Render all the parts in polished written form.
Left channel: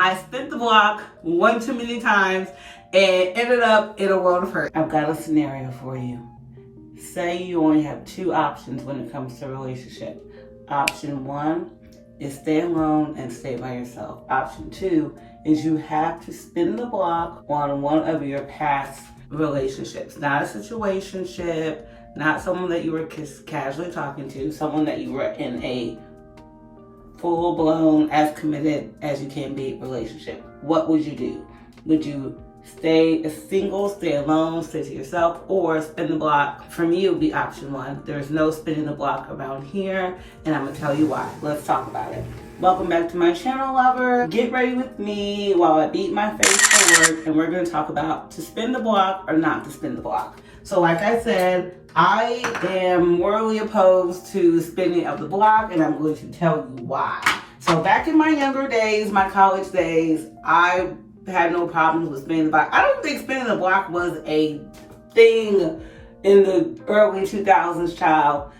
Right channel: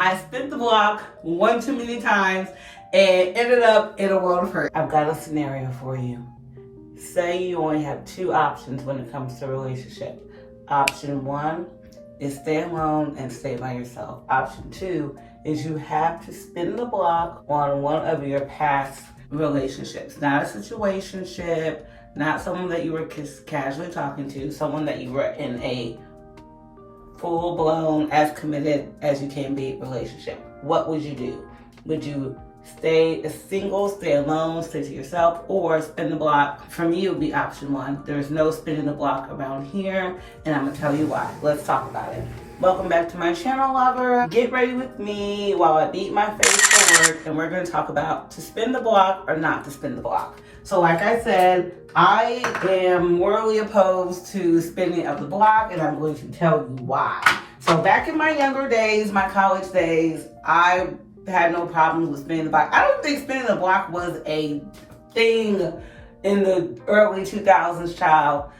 I spent the block one too many times and ended up in a world of hurt. I've got a scenario for you. Say you only have two options when it comes to a relationship. Option one is stay alone and stay by yourself. Option two is you have to spin the block on one of your past relationships. Not a situationship, not someone that you were casually talking to, someone that you were in a full-blown, as committed as you can be relationship. What would you do? Would you stay single, stay alone, stay to yourself, or spin the block? For me, it would be option one. There's no spinning the block around here, and I'm gonna tell you why. Let's talk about it. Welcome back to my channel, lover. Get ready with me while I beat my face forward, and we're gonna talk about to spin the block or not to spin the block. So like I said, I am morally opposed to spinning of the block, and I'm going to tell you why. So back in my younger days, my college days, I had no problems with spinning the block. I don't think spinning the block was a thing in the early 2000s, child.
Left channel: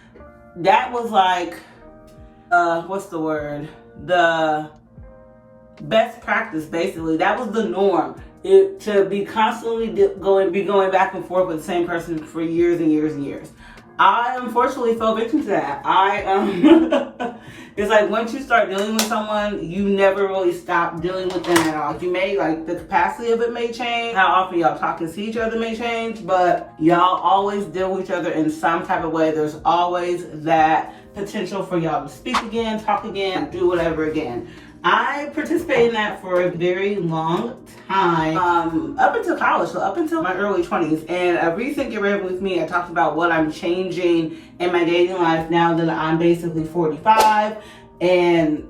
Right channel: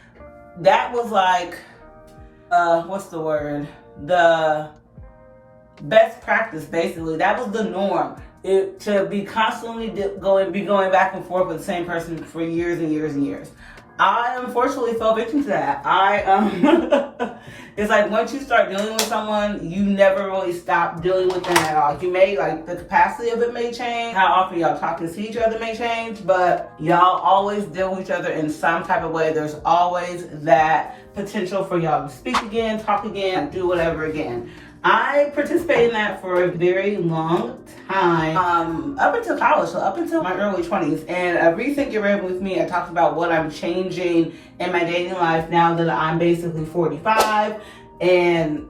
That was like, what's the word? The best practice, basically. That was the norm. To be constantly going back and forth with the same person for years and years and years. I unfortunately fell victim to that. It's like once you start dealing with someone, you never really stop dealing with them at all. You may, like, the capacity of it may change, how often y'all talk and see each other may change, but y'all always deal with each other in some type of way. There's always that potential for y'all to speak again, talk again, do whatever again. I participated in that for a very long time, up until college, so up until my early 20s. And a recent Get Ready With Me, I talked about what I'm changing in my dating life now that I'm basically 45. And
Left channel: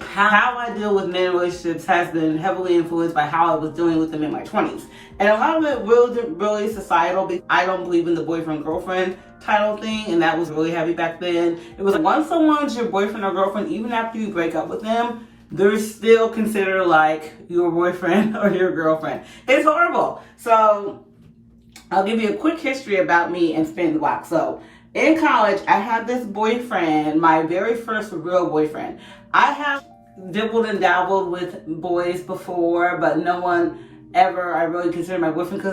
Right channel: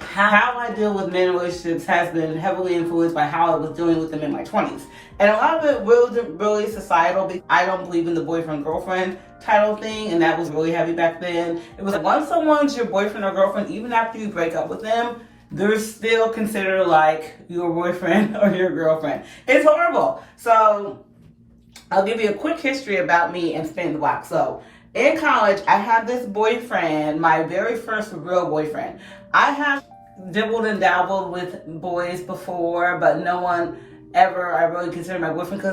how I deal with men in relationships has been heavily influenced by how I was dealing with them in my 20s. And a lot of it really societal, because I don't believe in the boyfriend-girlfriend title thing, and that was really heavy back then. It was like, once someone's your boyfriend or girlfriend, even after you break up with them, they're still considered like your boyfriend or your girlfriend. It's horrible. So I'll give you a quick history about me and spinning the block. So in college, I had this boyfriend, my very first real boyfriend. I have dibbled and dabbled with boys before, but no one ever I really considered my boyfriend,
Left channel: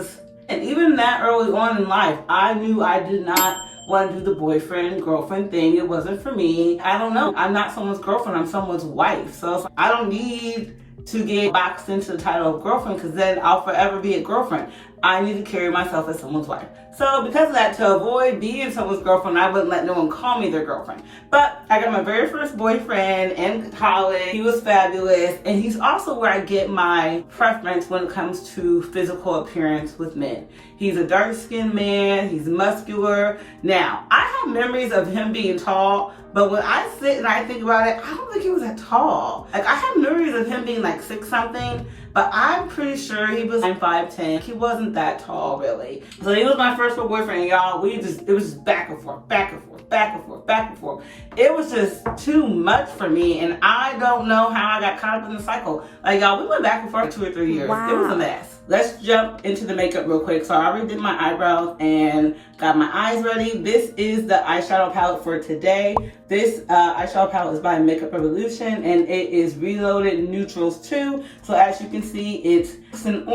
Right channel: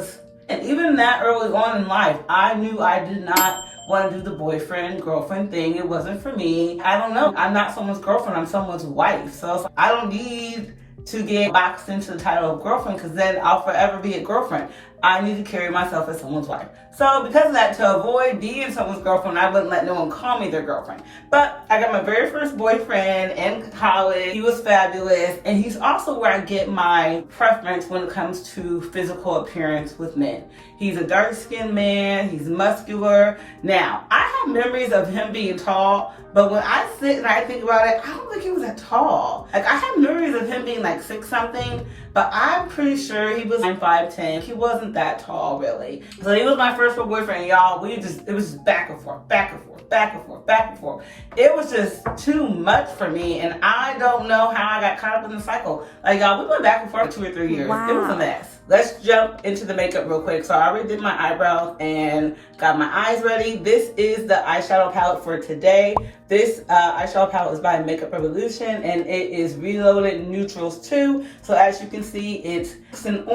and even that early on in life, I knew I did not want to do the boyfriend, girlfriend thing. It wasn't for me. I don't know. I'm not someone's girlfriend. I'm someone's wife. So I don't need to get boxed into the title of girlfriend, because then I'll forever be a girlfriend. I need to carry myself as someone's wife. So because of that, to avoid being someone's girlfriend, I wouldn't let no one call me their girlfriend. But I got my very first boyfriend in college. He was fabulous. And he's also where I get my preference when it comes to physical appearance with men. He's a dark-skinned man. He's muscular. Now, I have memories of him being tall, but when I sit and I think about it, I don't think he was that tall. Like, I have memories of him being like 6-something, but I'm pretty sure he was like 5'10". He wasn't that tall, really. So he was my first real boyfriend, y'all. It was just back and forth, back and forth, back and forth, back and forth. It was just too much for me, and I don't know how I got caught up in the cycle. Like, y'all, we went back and forth 2 or 3 years. Wow. It was a mess. Let's jump into the makeup real quick. So I already did my eyebrows and got my eyes ready. This is the eyeshadow palette for today. This eyeshadow palette is by Makeup Revolution, and it is Reloaded Neutrals 2. So as you can see, it's pinks and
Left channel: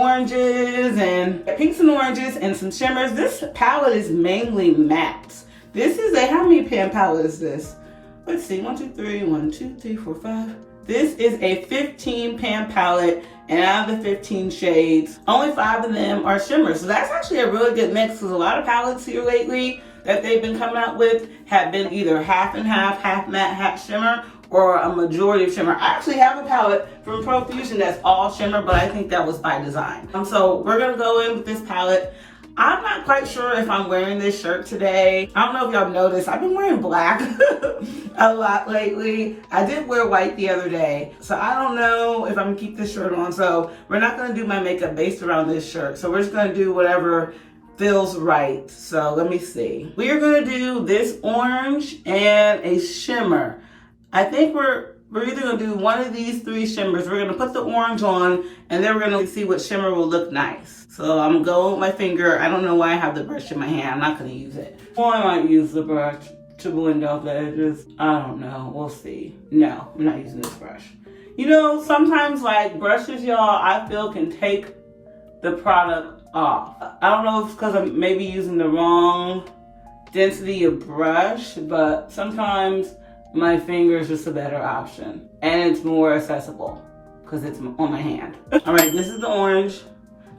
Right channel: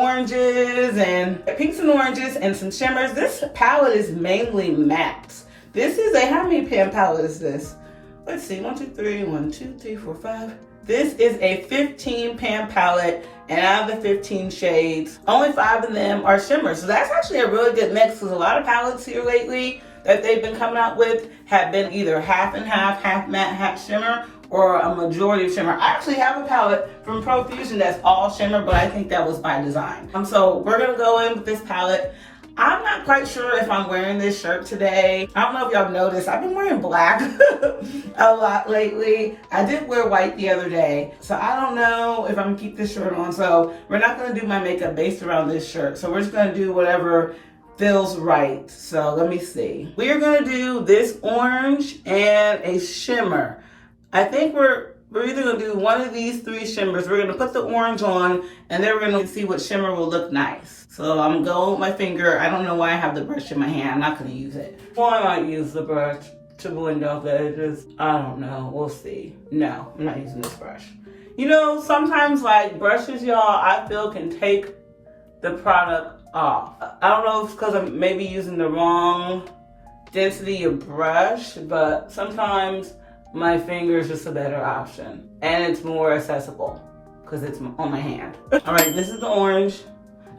oranges and some shimmers. This palette is mainly mattes. This is a, how many pan palette is this? Let's see, 1, 2, 3, 1, 2, 3, 4, 5. This is a 15 pan palette, and out of the 15 shades, only 5 of them are shimmers. So that's actually a really good mix, because a lot of palettes here lately that they've been coming out with have been either half and half matte, half shimmer, or a majority of shimmer. I actually have a palette from Profusion that's all shimmer, but I think that was by design. So we're gonna go in with this palette. I'm not quite sure if I'm wearing this shirt today. I don't know if y'all noticed, I've been wearing black a lot lately. I did wear white the other day, so I don't know if I'm gonna keep this shirt on. So we're not gonna do my makeup based around this shirt. So we're just gonna do whatever feels right. So let me see. We're gonna do this orange and a shimmer. I think we're either gonna do one of these 3 shimmers. We're gonna put the orange on, and then we're gonna see what shimmer will look nice. So I'm going with my finger. I don't know why I have the brush in my hand. I'm not gonna use it. Well, I might use the brush to blend out the edges. I don't know, we'll see. No, I'm not using this brush. You know, sometimes like brushes, y'all, I feel can take the product off. I don't know if it's because I'm maybe using the wrong density of brush, but sometimes my finger is just a better option. And it's more accessible because it's on my hand. All right, this is the orange.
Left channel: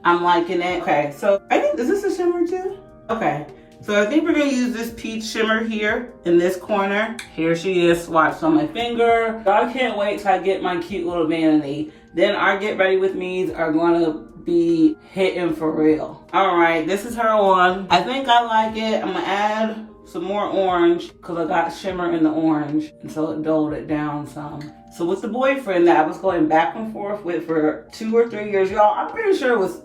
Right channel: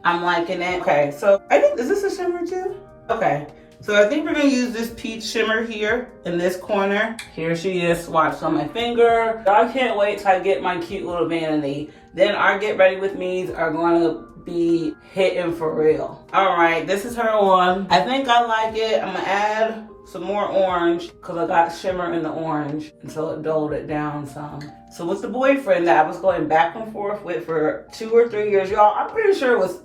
I'm liking it. Okay, so I think, is this a shimmer too? Okay, so I think we're gonna use this peach shimmer here in this corner. Here she is swatched on my finger. I can't wait till I get my cute little vanity. Then our get ready with me's are gonna be hitting for real. All right, this is her one. I think I like it. I'm gonna add some more orange because I got shimmer in the orange, and so it dulled it down some. So with the boyfriend that I was going back and forth with for 2 or 3 years, y'all, I'm pretty sure it was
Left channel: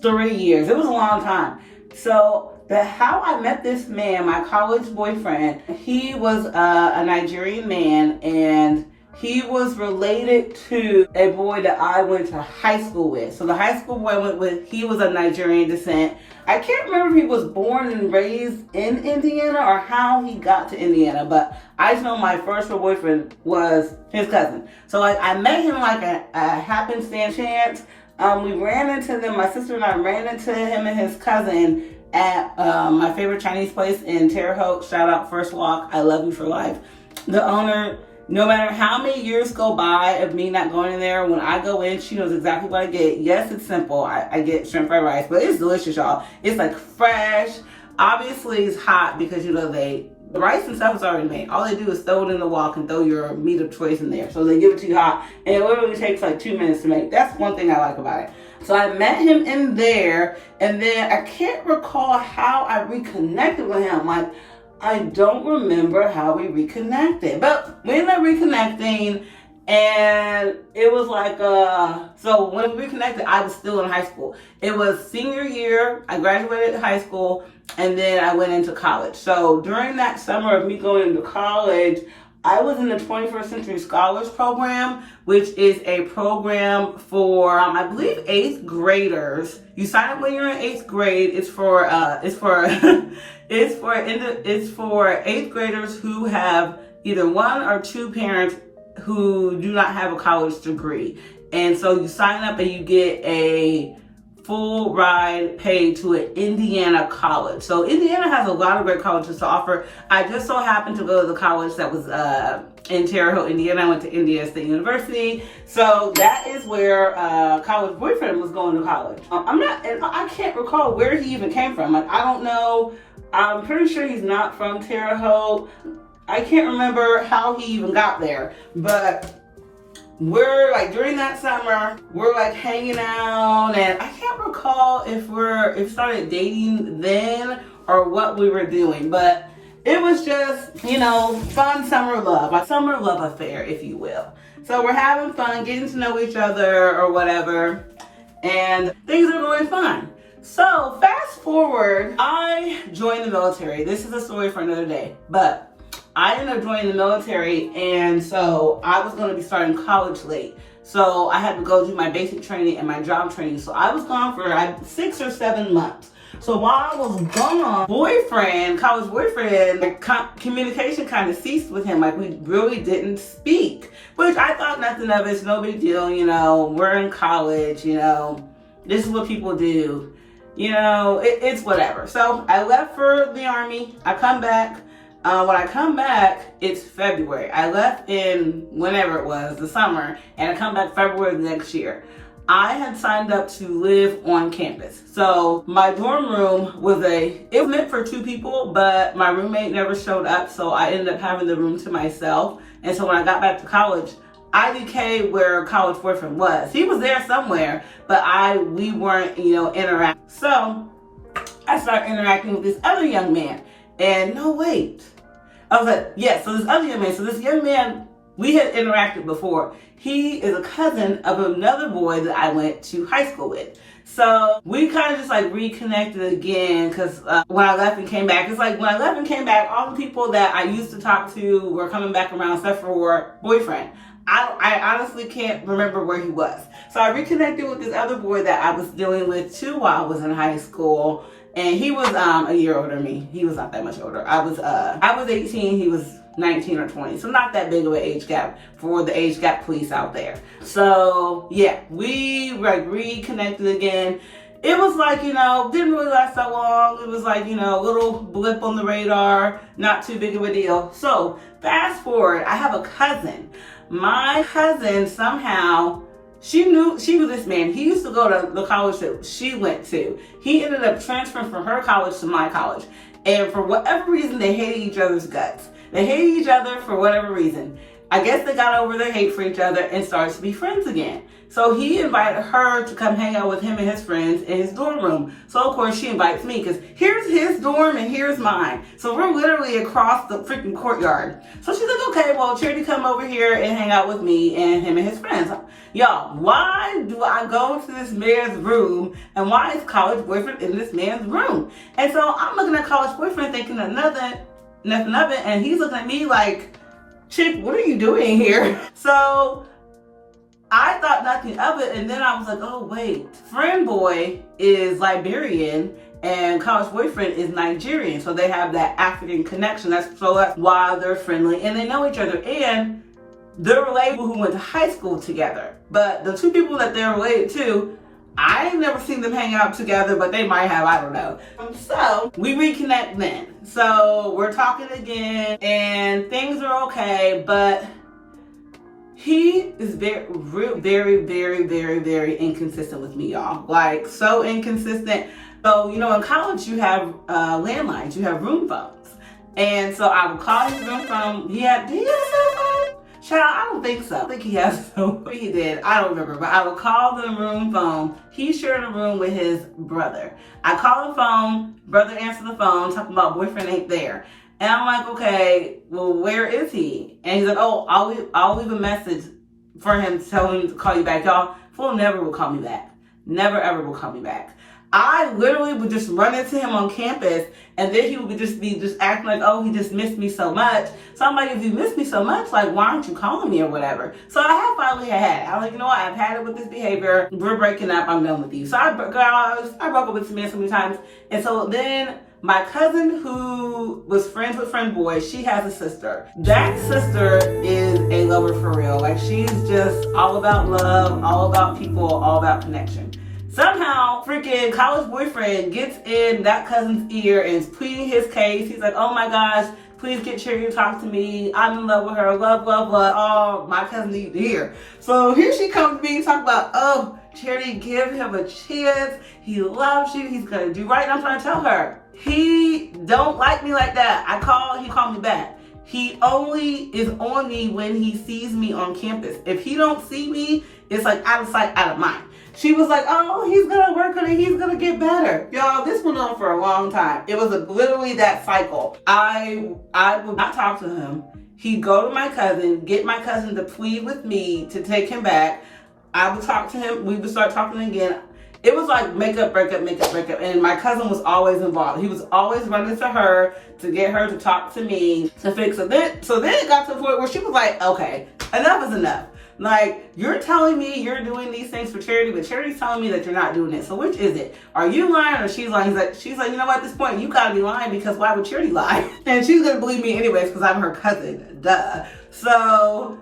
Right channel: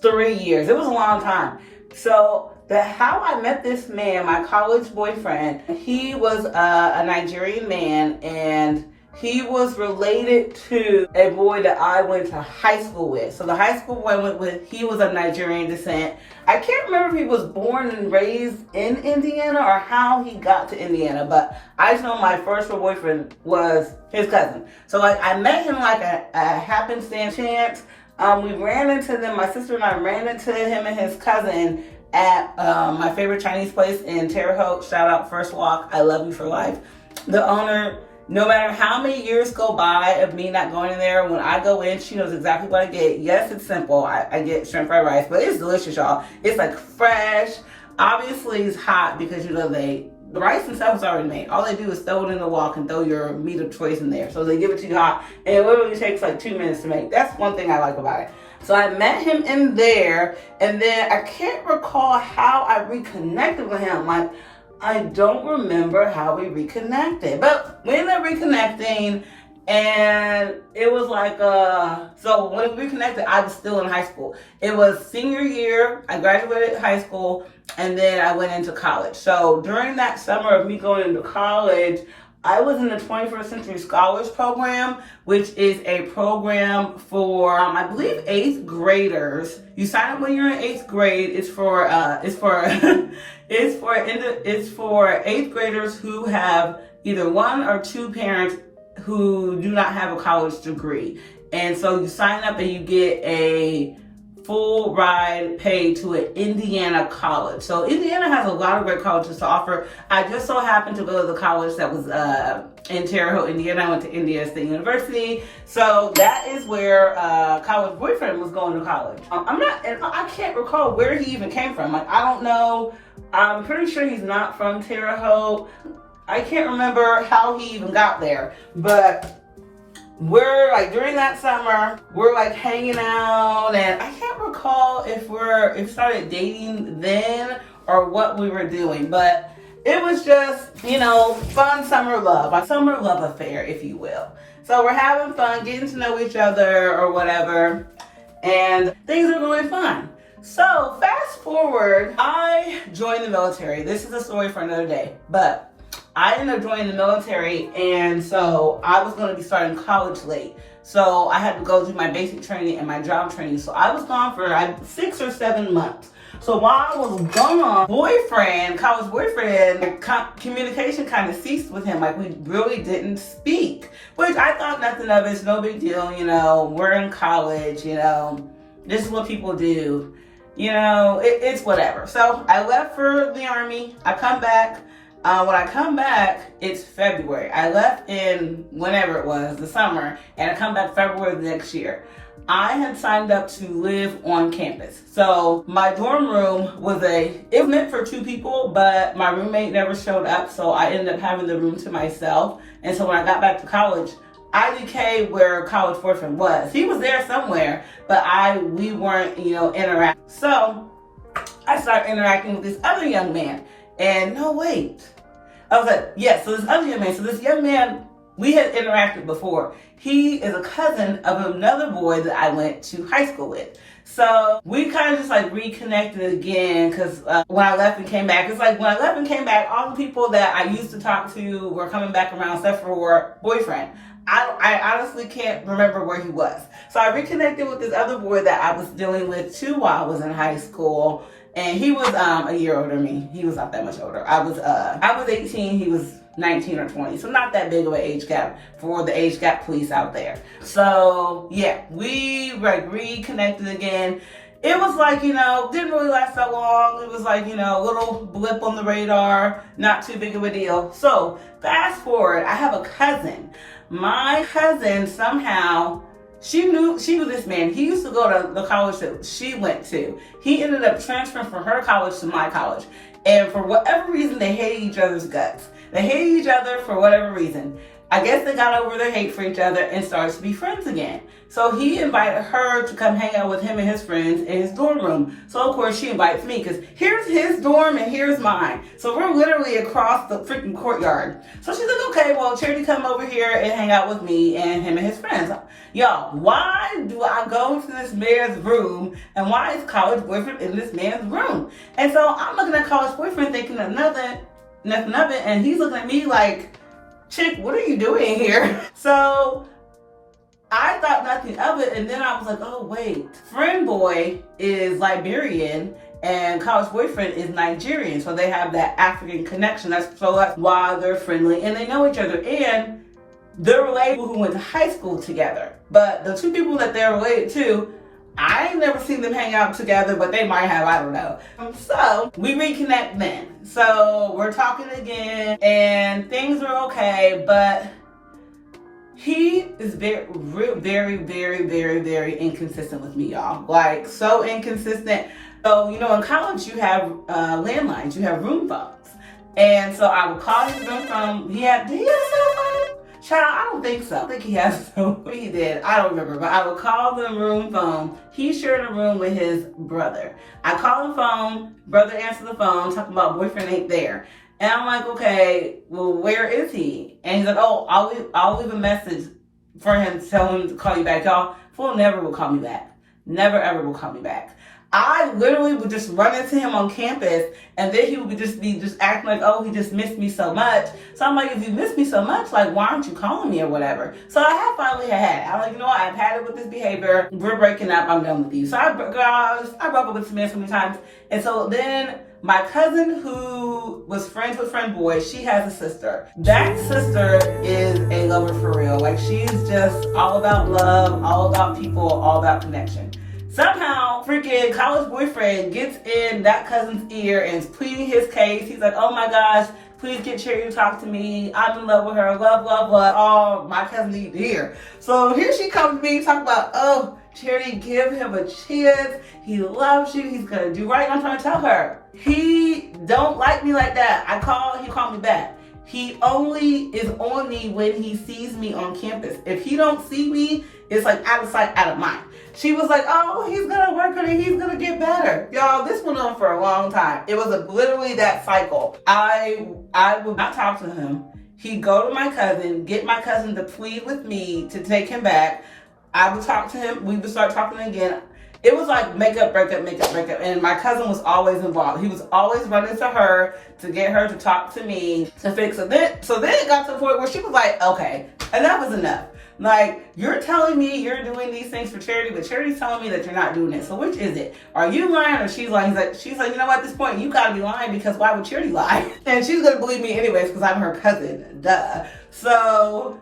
3 years. It was a long time. So how I met this man, my college boyfriend, he was a Nigerian man, and he was related to a boy that I went to high school with. So the high school boy I went with, he was of Nigerian descent. I can't remember if he was born and raised in Indiana or how he got to Indiana, but I just know my first real boyfriend was his cousin. So like I met him like a happenstance chance. We ran into them, my sister and I ran into him and his cousin at my favorite Chinese place in Terre Haute. Shout out First Walk, I love you for life. The owner, no matter how many years go by of me not going in there, when I go in, she knows exactly what I get. Yes, it's simple. I get shrimp fried rice, but it's delicious, y'all. It's like fresh. Obviously, it's hot because, you know, the rice and stuff is already made. All they do is throw it in the wok and throw your meat of choice in there. So they give it to you hot, and it literally takes like 2 minutes to make. That's one thing I like about it. So I met him in there, and then I can't recall how I reconnected with him. Like, I don't remember how we reconnected, but we ended up reconnecting, and it was like, so when we reconnected, I was still in high school. It was senior year, I graduated high school, and then I went into college. So during that summer of me going into college, I was in the 21st Century Scholars Program, which is a program for, I believe, 8th graders. You sign up when you're in 8th grade. It's for it's for 8th graders who have either 1 or 2 parents who do not have a college degree. And so you sign up and you get a full ride paid to an Indiana college. So Indiana has a lot of great colleges to offer. I just so happened to go to the college that was in Terre Haute, Indiana. I went to Indiana State University. So that is where college boyfriend was going to college. I can't recall where he even came from. Like, I don't know. I'm pretty sure he's not from Terre Haute. I can't remember how he even got there, but we're like, during that summer, we're like hanging out, and I can't recall if we started dating then or what we were doing, but it was just, you know, fun summer love, a summer love affair, if you will. So we're having fun, getting to know each other or whatever, and things are going fine. So fast forward, I joined the military. This is a story for another day, but I ended up joining the military, and so I was going to be starting college late. So I had to go do my basic training and my job training. So I was gone for 6 or 7 months. So while I was gone, college boyfriend, communication kind of ceased with him. Like, we really didn't speak, which I thought nothing of it. It's no big deal. You know, we're in college, you know, this is what people do. You know, it's whatever. So I left for the Army. I come back. When I come back, it's February. I left in whenever it was, the summer, and I come back February of the next year. I had signed up to live on campus. So my dorm room was it was meant for 2 people, but my roommate never showed up, so I ended up having the room to myself. And so when I got back to college, I decayed where college boyfriend was. He was there somewhere, but we weren't, you know, interacting. So I started interacting with this other young man. And no, wait. I was like, yes, so this other young man, we had interacted before. He is a cousin of another boy that I went to high school with. So we kind of just like reconnected again, because when I left and came back, it's like when I left and came back, all the people that I used to talk to were coming back around except for boyfriend. I honestly can't remember where he was. So I reconnected with this other boy that I was dealing with too while I was in high school. And he was a year older than me. He was not that much older. I was 18, he was 19 or 20. So not that big of an age gap for the age gap police out there. So yeah, we like reconnected again. It was like, you know, didn't really last so long. It was like, you know, a little blip on the radar, not too big of a deal. So fast forward, I have a cousin. My cousin somehow, she knew this man. He used to go to the college that she went to. He ended up transferring from her college to my college. And for whatever reason, they hated each other's guts. They hated each other for whatever reason. I guess they got over their hate for each other and started to be friends again. So he invited her to come hang out with him and his friends in his dorm room. So of course she invites me because here's his dorm and here's mine. So we're literally across the freaking courtyard. So she's like, okay, well, Charity, come over here and hang out with me and him and his friends. Y'all, why do I go to this man's room and why is college boyfriend in this man's room? And so I'm looking at college boyfriend thinking nothing of it, and he's looking at me like, chick, what are you doing here? So I thought nothing of it, and then I was like, oh wait, friend boy is Liberian and college boyfriend is Nigerian, so they have that African connection. That's why they're friendly and they know each other, and they're related who went to high school together. But the two people that they're related to, I ain't never seen them hang out together, but they might have, I don't know. So we reconnect then. So we're talking again and things are okay, but he is very, very, very, very, very inconsistent with me, y'all. Like, so inconsistent. So, you know, in college you have landlines, you have room phones. And so I would call his room phone. Did he have a cell phone? Child, I don't think so. I think he has so. He did. I don't remember. But I would call the room phone. He shared a room with his brother. I call the phone. Brother answered the phone, talking about boyfriend ain't there. And I'm like, okay, well, where is he? And he's like, oh, I'll leave a message for him to tell him to call you back. Y'all, fool never will call me back. Never, ever will call me back. I literally would just run into him on campus, and then he would just be acting like, oh, he just missed me so much. So I'm like, if you miss me so much, like, why aren't you calling me or whatever? So I have finally had. I'm like, you know what? I've had it with this behavior. We're breaking up. I'm done with you. So I broke up with this man so many times. And so then my cousin, who was friends with friend boy, she has a sister. That sister is a lover for real. Like, she's just all about love, all about people, all about connection. Somehow, freaking college boyfriend gets in that cousin's ear and is pleading his case. He's like, oh my gosh, please get Charity to talk to me. I'm in love with her. Love, love, love. Oh, my cousin needs to hear. So here she comes to me talking about, oh, Charity, give him a chance. He loves you. He's going to do right. And I'm trying to tell her, he don't like me like that. I call, he called me back. He only is on me when he sees me on campus. If he don't see me, it's like out of sight, out of mind. She was like, oh, he's gonna work on it, he's gonna get better. Y'all, this went on for a long time. It was literally that cycle. I would not talk to him. He'd go to my cousin, get my cousin to plead with me to take him back. I would talk to him, we would start talking again. It was like makeup, breakup, and my cousin was always involved. He was always running to her to get her to talk to me to fix it. So then it got to the point where she was like, okay, enough is enough. Like, you're telling me you're doing these things for Charity, but Charity's telling me that you're not doing it. So which is it? Are you lying or she's lying? She's like, you know what, at this point, you gotta be lying because why would Charity lie? And she's gonna believe me anyways because I'm her cousin, duh. So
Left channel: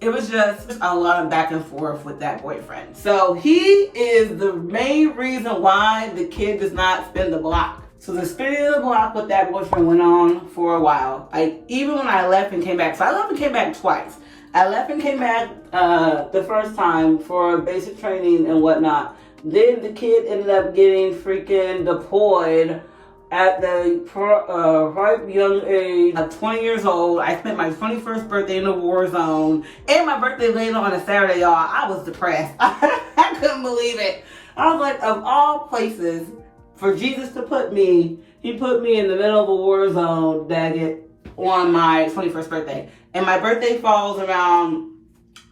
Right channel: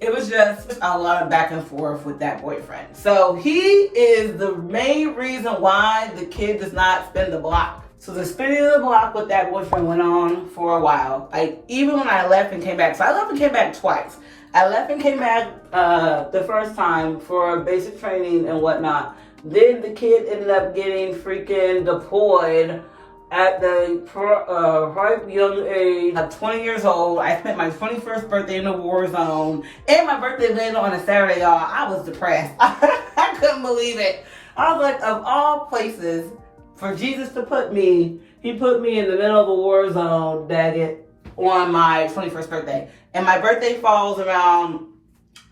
it was just a lot of back and forth with that boyfriend. So he is the main reason why the kid does not spin the block. So the spinning the block with that boyfriend went on for a while. Like, even when I left and came back. So I left and came back twice. I left and came back the first time for basic training and whatnot. Then the kid ended up getting freaking deployed at the ripe young age of 20 years old. I spent my 21st birthday in a war zone. And my birthday landed on a Saturday, y'all. I was depressed. I couldn't believe it. I was like, of all places for Jesus to put me, he put me in the middle of a war zone, daggett, on my 21st birthday. And my birthday falls around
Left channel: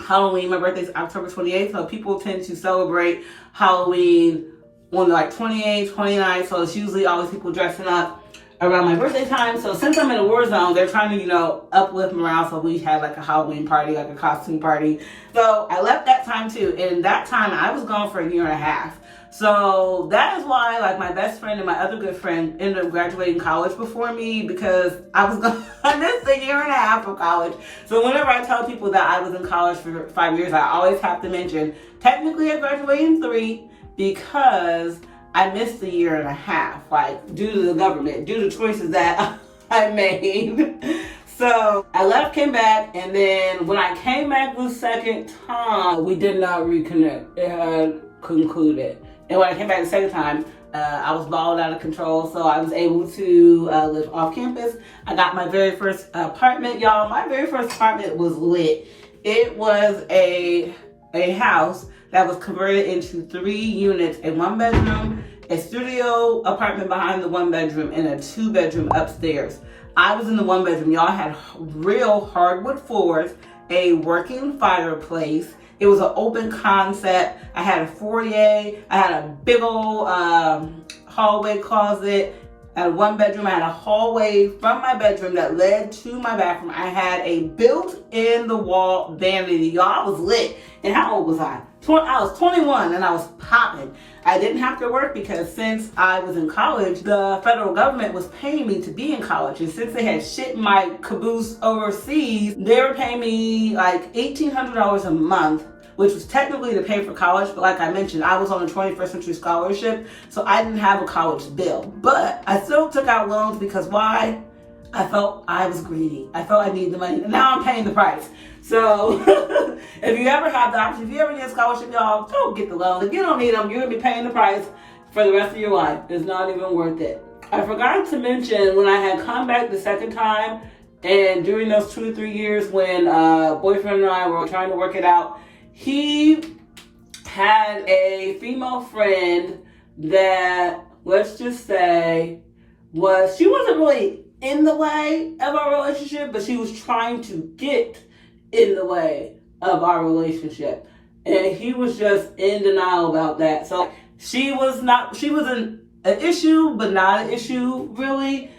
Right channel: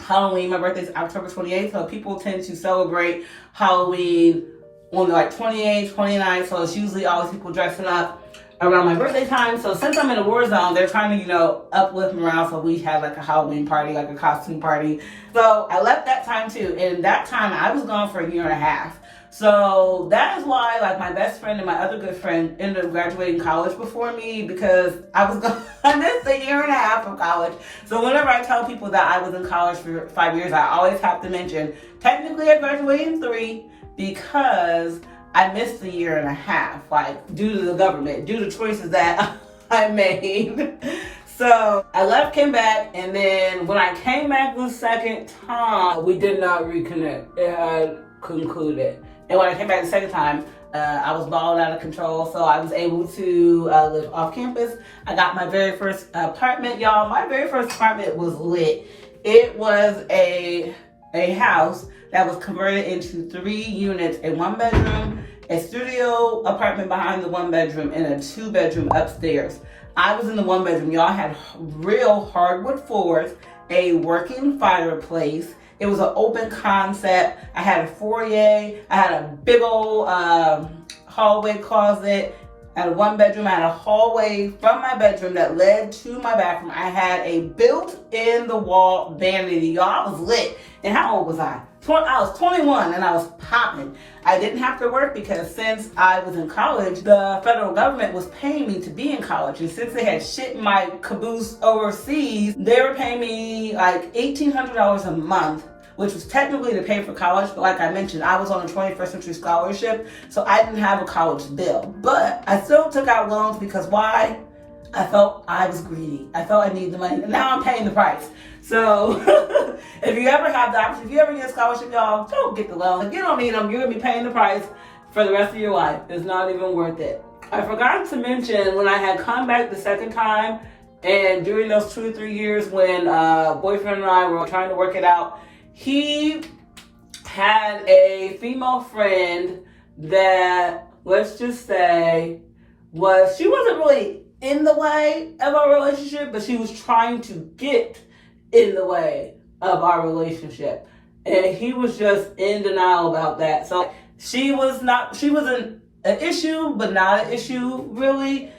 Halloween. My birthday's October 28th, so people tend to celebrate Halloween on like 28th, 29th, so it's usually always people dressing up. around my birthday time. So since I'm in a war zone, they're trying to, you know, uplift morale. So we had like a Halloween party, like a costume party. So I left that time too. And that time I was gone for a year and a half. So that is why like my best friend and my other good friend ended up graduating college before me, because I was gone. I missed a year and a half of college. So whenever I tell people that I was in college for 5 years, I always have to mention, technically I graduated in 3 because I missed a year and a half, like due to the government, due to choices that I made. So I left, came back, and then when I came back the second time, we did not reconnect. It had concluded. And when I came back the second time, I was balling out of control, so I was able to live off campus. I got my very first apartment, y'all. My very first apartment was lit. It was a house that was converted into 3 units, a 1-bedroom, a studio apartment behind the 1-bedroom, and a 2-bedroom upstairs. I was in the 1-bedroom. Y'all had real hardwood floors, a working fireplace. It was an open concept. I had a foyer. I had a big old hallway closet. I had a 1-bedroom. I had a hallway from my bedroom that led to my bathroom. I had a built-in-the-wall vanity. Y'all, I was lit. And how old was I? I was 21 and I was popping. I didn't have to work because since I was in college, the federal government was paying me to be in college. And since they had shit in my caboose overseas, they were paying me like $1,800 a month, which was technically to pay for college. But like I mentioned, I was on a 21st century scholarship, so I didn't have a college bill. But I still took out loans because why? I felt I was greedy. I felt I needed the money. And now I'm paying the price. So if you ever have the option, if you ever get a scholarship, y'all, don't get the loan. If you don't need them, you're going to be paying the price for the rest of your life. It's not even worth it. I forgot to mention when I had come back the second time, and during those 2 to 3 years when boyfriend and I were trying to work it out, he had a female friend that, let's just say, she wasn't really in the way of our relationship, but she was trying to get in the way of our relationship. And he was just in denial about that. So she was an issue, but not an issue really.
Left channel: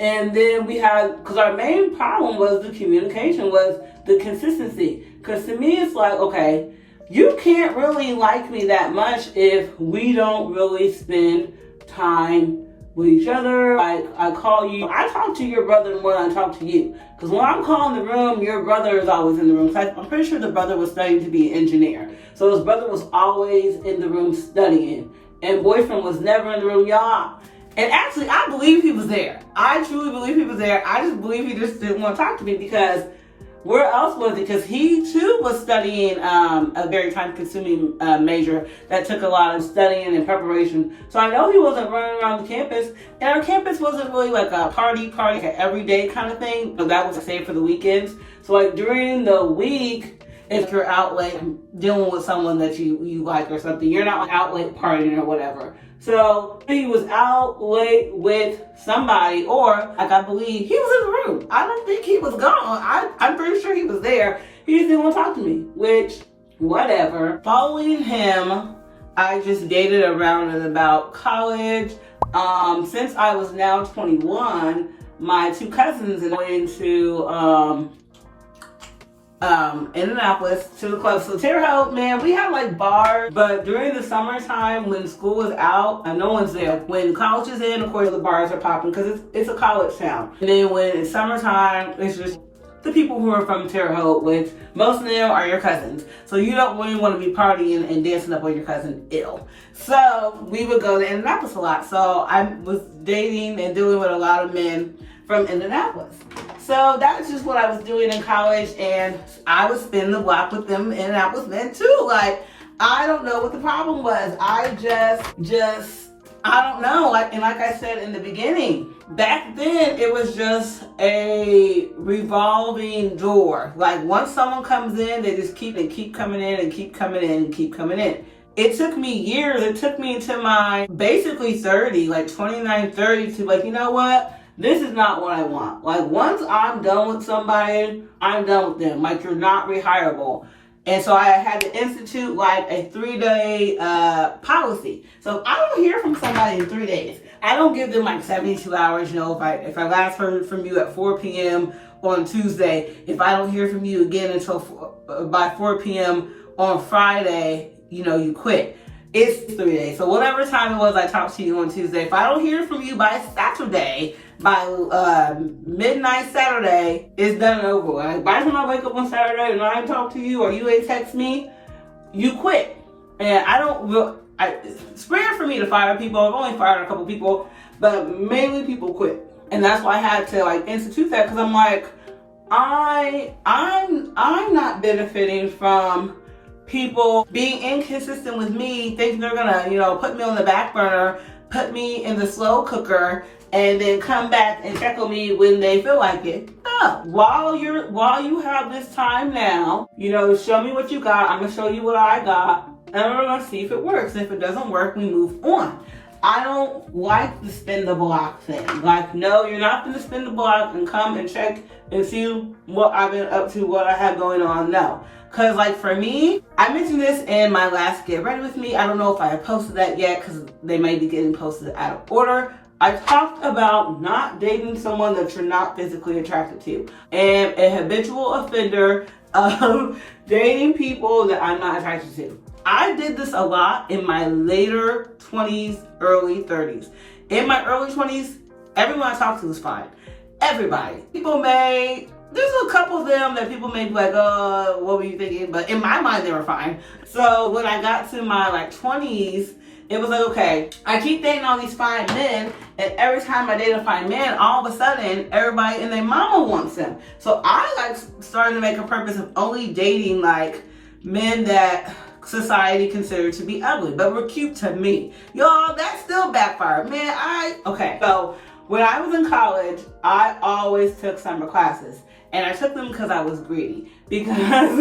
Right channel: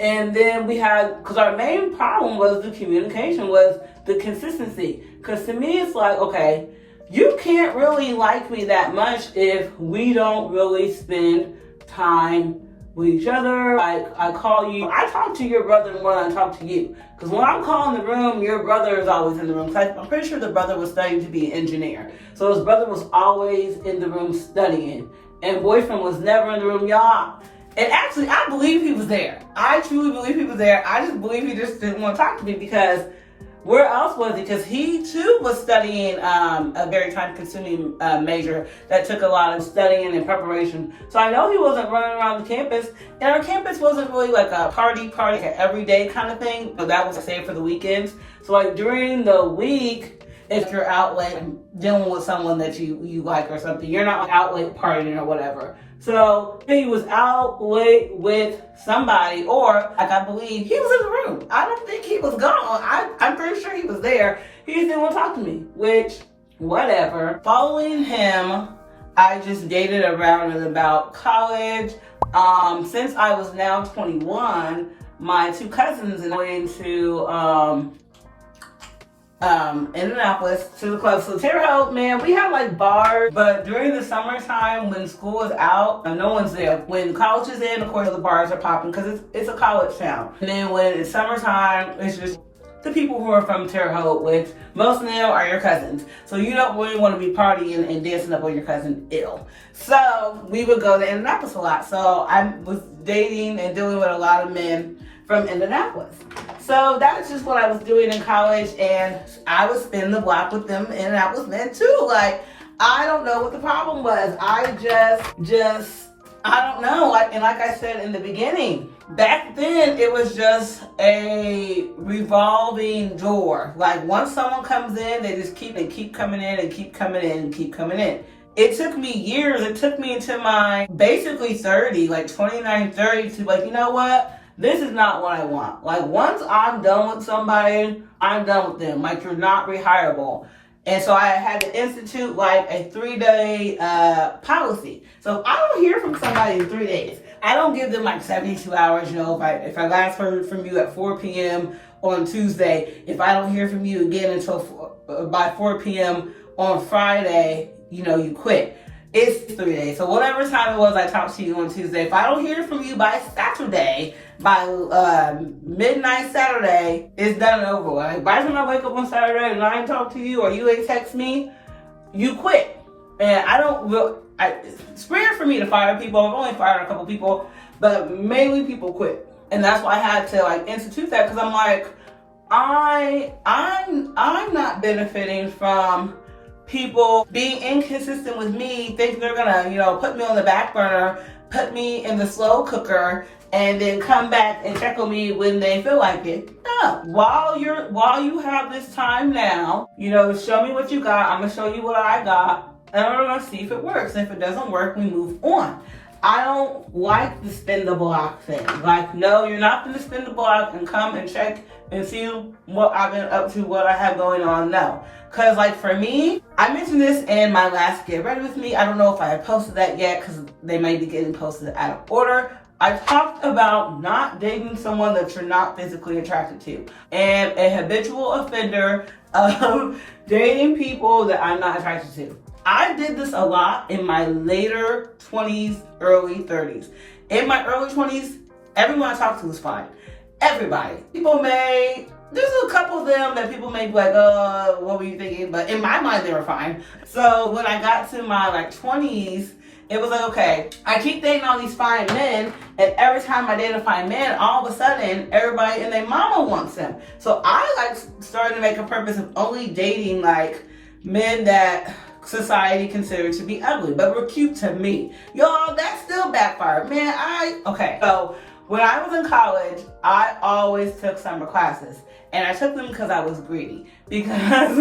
And then we had, because our main problem was the communication, was the consistency. Because to me, it's like, okay, you can't really like me that much if we don't really spend time with each other. Like, I call you, I talk to your brother more than I talk to you. Because when I'm calling the room, your brother is always in the room. I'm pretty sure the brother was studying to be an engineer. So his brother was always in the room studying. And boyfriend was never in the room, y'all. And actually, I believe he was there. I truly believe he was there. I just believe he just didn't want to talk to me, because where else was he? Because he too was studying a very time-consuming major that took a lot of studying and preparation. So I know he wasn't running around the campus, and our campus wasn't really like a party, like an everyday kind of thing. So that was saved for the weekends. So like during the week, if you're out like dealing with someone that you like or something, you're not like out late partying or whatever. So he was out late with somebody, or like I believe he was in the room. I don't think he was gone. I'm pretty sure he was there. He just didn't want to talk to me, which, whatever. Following him, I just dated around and about college. Since I was now 21, my 2 cousins and I went to Indianapolis to the club. So Terre Haute, man, we had like bars, but during the summertime when school is out, no one's there. When college is in, of course the bars are popping because it's a college town. And then when it's summertime, it's just the people who are from Terre Haute, which most of them are your cousins. So you don't really want to be partying and dancing up on your cousin ill. So we would go to Indianapolis a lot. So I was dating and dealing with a lot of men from Indianapolis. So that's just what I was doing in college, and I would spin the block with them Indianapolis men too. Like, I don't know what the problem was. I don't know. Like I said in the beginning, back then it was just a revolving door. Like once someone comes in, they just keep coming in and keep coming in and keep coming in. It took me years. It took me into my basically 30, like 29, 30 to like, you know what? This is not what I want. Like once I'm done with somebody, I'm done with them. Like you're not rehireable. And so I had to institute like a 3-day policy. So if I don't hear from somebody in 3 days, I don't give them like 72 hours, if I last heard from you at 4 p.m. on Tuesday, if I don't hear from you again until by 4 p.m. on Friday, you quit. It's 3 days. So whatever time it was I talked to you on Tuesday, if I don't hear from you by Saturday, by midnight Saturday, it's done and over. Like, by the time I wake up on Saturday and I ain't talk to you or you ain't text me, you quit. And it's rare for me to fire people. I've only fired a couple people, but mainly people quit. And that's why I had to institute that, because I'm like, I'm not benefiting from people being inconsistent with me, thinking they're gonna, put me on the back burner, put me in the slow cooker, and then come back and check on me when they feel like it. No. While you have this time now, show me what you got. I'm gonna show you what I got, and I'm gonna see if it works. And if it doesn't work, we move on. I don't like the spin the block thing. Like, no, you're not gonna spin the block and come and check and see what I've been up to, what I have going on. No. Cause for me, I mentioned this in my last Get Ready With Me. I don't know if I have posted that yet, because they may be getting posted out of order. I talked about not dating someone that you're not physically attracted to, and a habitual offender of dating people that I'm not attracted to. I did this a lot in my later 20s, early 30s. In my early 20s, everyone I talked to was fine. Everybody. There's a couple of them that people may be like, what were you thinking? But in my mind, they were fine. So when I got to my 20s, it was like, okay, I keep dating all these fine men, and every time I date a fine man, all of a sudden, everybody and their mama wants them. So I started to make a purpose of only dating men that society considered to be ugly, but were cute to me. Y'all, that still backfired. So when I was in college, I always took summer classes. And I took them because I was greedy. Because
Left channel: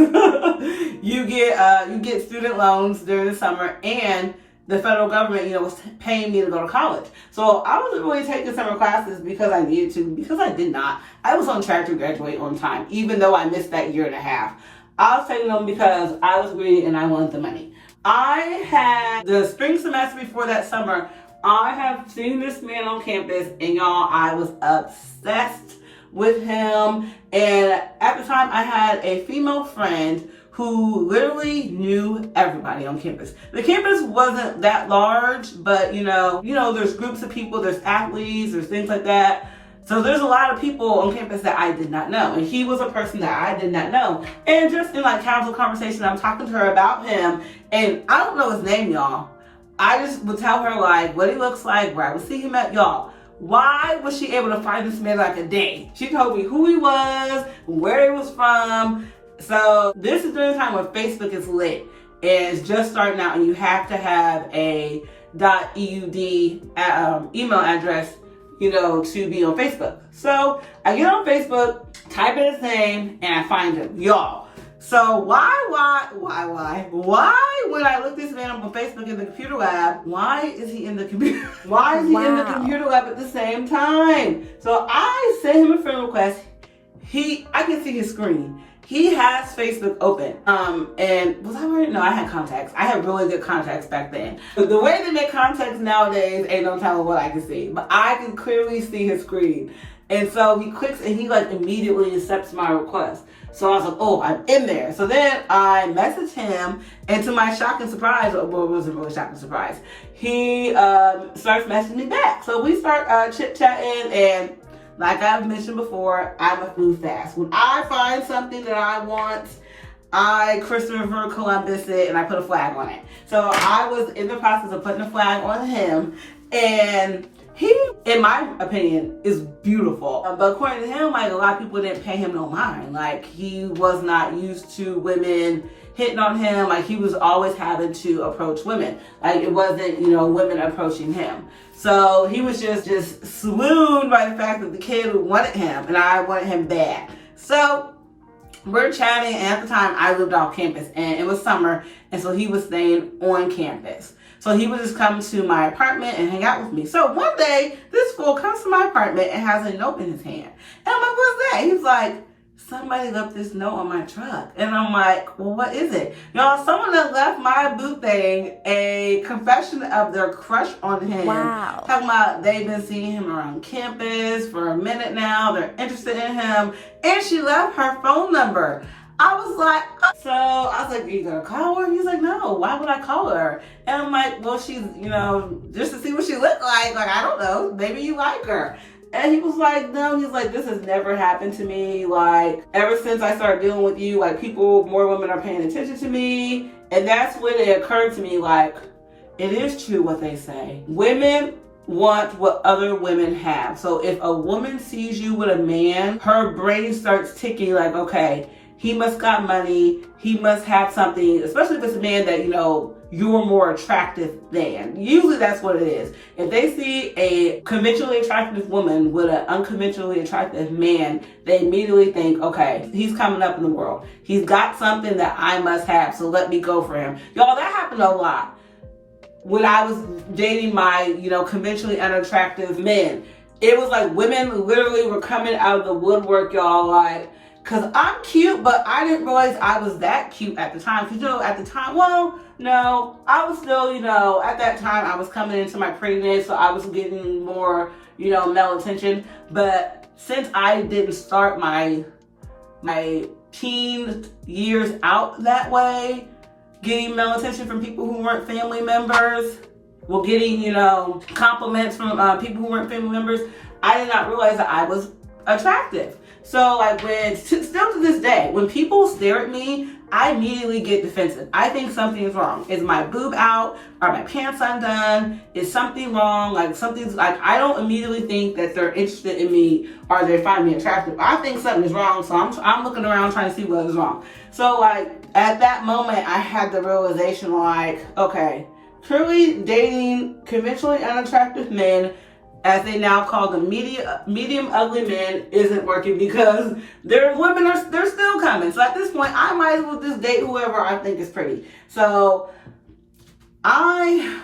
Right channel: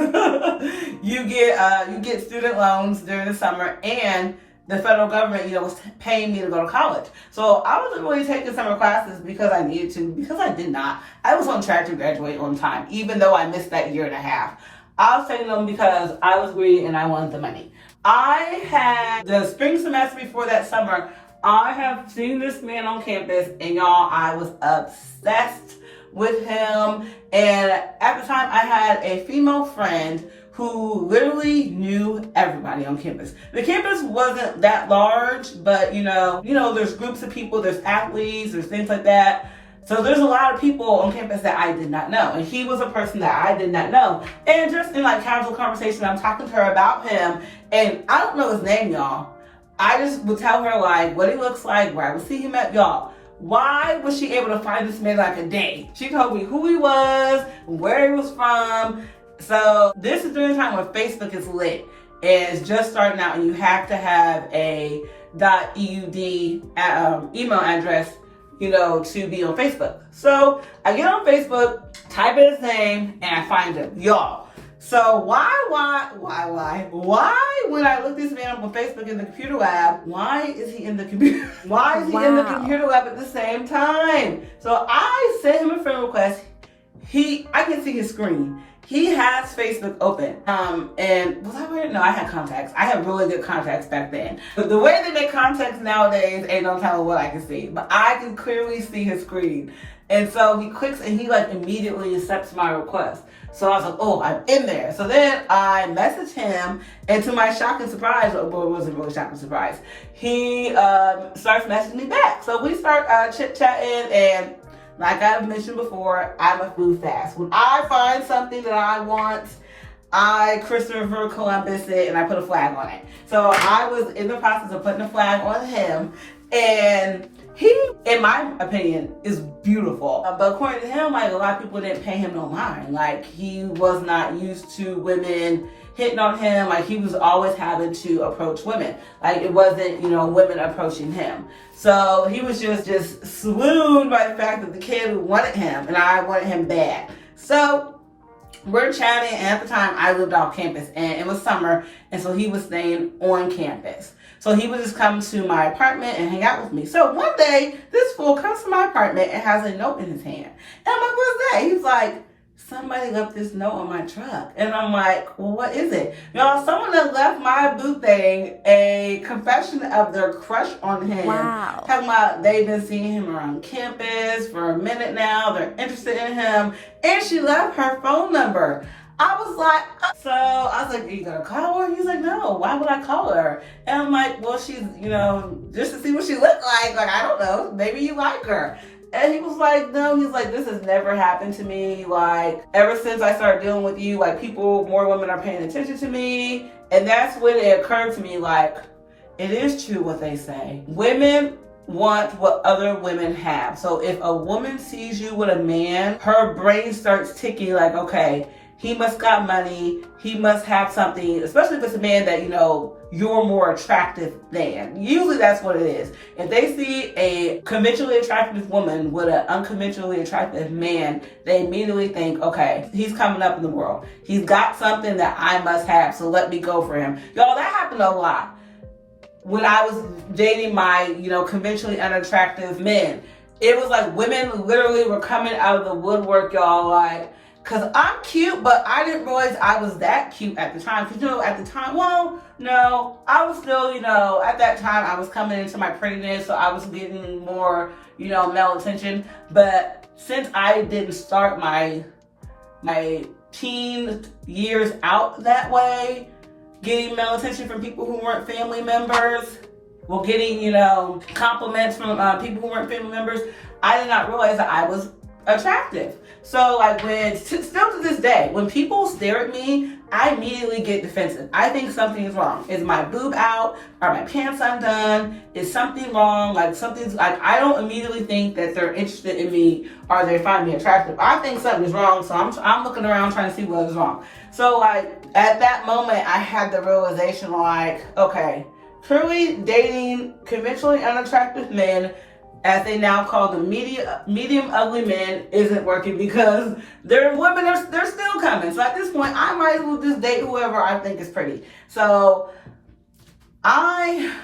you get student loans during the summer, and the federal government, was paying me to go to college. So I wasn't really taking summer classes because I needed to, because I did not. I was on track to graduate on time, even though I missed that year and a half. I was taking them because I was greedy and I wanted the money. I had the spring semester before that summer, I have seen this man on campus, and y'all, I was obsessed with him. And at the time, I had a female friend who literally knew everybody on campus. The campus wasn't that large, but there's groups of people, there's athletes, there's things like that. So there's a lot of people on campus that I did not know. And he was a person that I did not know. And just in casual conversation, I'm talking to her about him, and I don't know his name, y'all. I just would tell her what he looks like, where I would see him at, y'all. Why was she able to find this man a day? She told me who he was, where he was from. So this is during the time when Facebook is lit. It's just starting out, and you have to have a .eud email address, to be on Facebook. So I get on Facebook, type in his name, and I find him, y'all. So why, when I look this man up on Facebook in the computer lab, why is he in the computer? Why is he in the computer lab at the same time? So I sent him a friend request. I can see his screen. He has Facebook open. And was I wearing? No, I had contacts. I had really good contacts back then. The way they make contacts nowadays ain't no telling what I can see. But I can clearly see his screen. And so he clicks, and he immediately accepts my request. So I was like, oh, I'm in there. So then I messaged him, and to my shock and surprise, well, it wasn't really shock and surprise, he starts messaging me back. So we start chit-chatting, and like I've mentioned before, I'm a food fast. When I find something that I want, I Christopher Columbus it, and I put a flag on it. So I was in the process of putting a flag on him, and he, in my opinion, is beautiful. But according to him, a lot of people didn't pay him no mind. He was not used to women hitting on him. He was always having to approach women. It wasn't, women approaching him. So he was just swooned by the fact that the kid wanted him, and I wanted him bad. So we're chatting, and at the time I lived off campus, and it was summer, and so he was staying on campus. So he would just come to my apartment and hang out with me. So one day, this fool comes to my apartment and has a note in his hand. And I'm like, what's that? He's like, somebody left this note on my truck. And I'm like, well, what is it? Y'all, someone that left my boo thing a confession of their crush on him. Wow. Talking about they've been seeing him around campus for a minute now. They're interested in him. And she left her phone number. I was like, are you gonna call her? He's like, no, why would I call her? And I'm like, well, she's, just to see what she looked like. Like, I don't know, maybe you like her. And he was like, no, he's like, this has never happened to me. Like, ever since I started dealing with you, like, more women are paying attention to me. And that's when it occurred to me, like, it is true what they say. Women want what other women have. So if a woman sees you with a man, her brain starts ticking like, okay, he must got money, he must have something, especially if it's a man that, you're more attractive than. Usually that's what it is. If they see a conventionally attractive woman with an unconventionally attractive man, they immediately think, okay, he's coming up in the world. He's got something that I must have, so let me go for him. Y'all, that happened a lot. When I was dating my, conventionally unattractive men, it was like women literally were coming out of the woodwork, y'all, like, because I'm cute, but I didn't realize I was that cute at the time. Because, at the time, no, I was still, at that time, I was coming into my prettiness, so I was getting more, male attention. But since I didn't start my teen years out that way, getting male attention from people who weren't family members, getting, compliments from people who weren't family members, I did not realize that I was attractive. So like still to this day, when people stare at me, I immediately get defensive. I think something is wrong. Is my boob out? Are my pants undone? Is something wrong? Like something's like, I don't immediately think that they're interested in me or they find me attractive. I think something is wrong, so I'm looking around trying to see what is wrong. So like at that moment, I had the realization like, okay, truly dating conventionally unattractive men, as they now call the medium ugly men, isn't working because they're still coming. So at this point, I might as well just date whoever I think is pretty. So I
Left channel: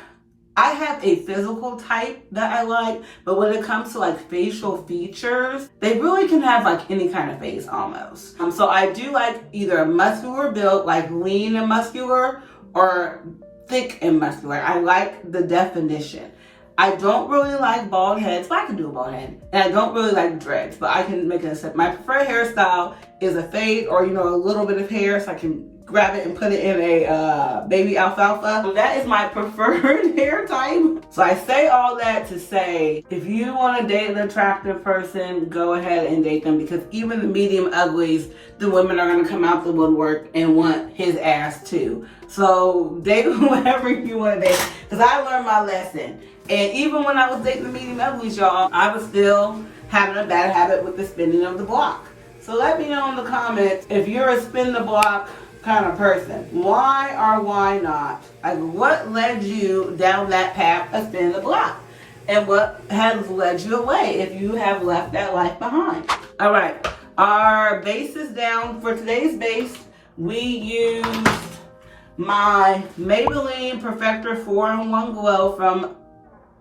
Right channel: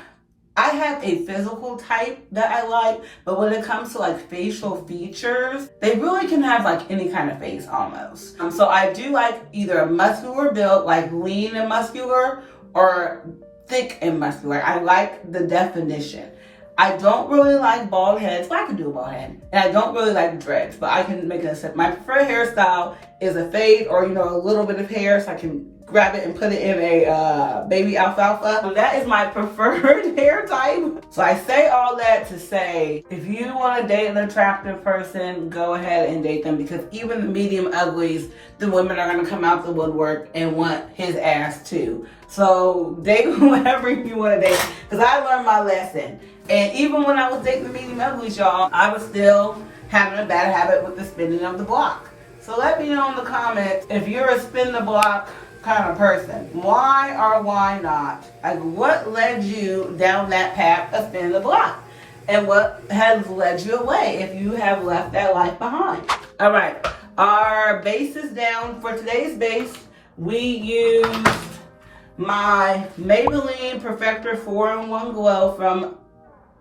have a physical type that I like, but when it comes to like facial features, they really can have like any kind of face almost. So I do like either muscular built, like lean and muscular, or thick and muscular. I like the definition. I don't really like bald heads, but I can do a bald head. And I don't really like dreads, but I can make it a set. My preferred hairstyle is a fade or, a little bit of hair so I can grab it and put it in a baby alfalfa. So that is my preferred hair type. So I say all that to say, if you want to date an attractive person, go ahead and date them, because even the medium uglies, the women are going to come out the woodwork and want his ass too. So date whoever you want to date, because I learned my lesson. And even when I was dating the medium uglies, y'all, I was still having a bad habit with the spinning of the block. So let me know in the comments if you're a spin the block kind of person. Why or why not? Like, what led you down that path of spin the block? And what has led you away if you have left that life behind? All right, our base is down. For today's base, we used my Maybelline Perfector 4-in-1 Glow from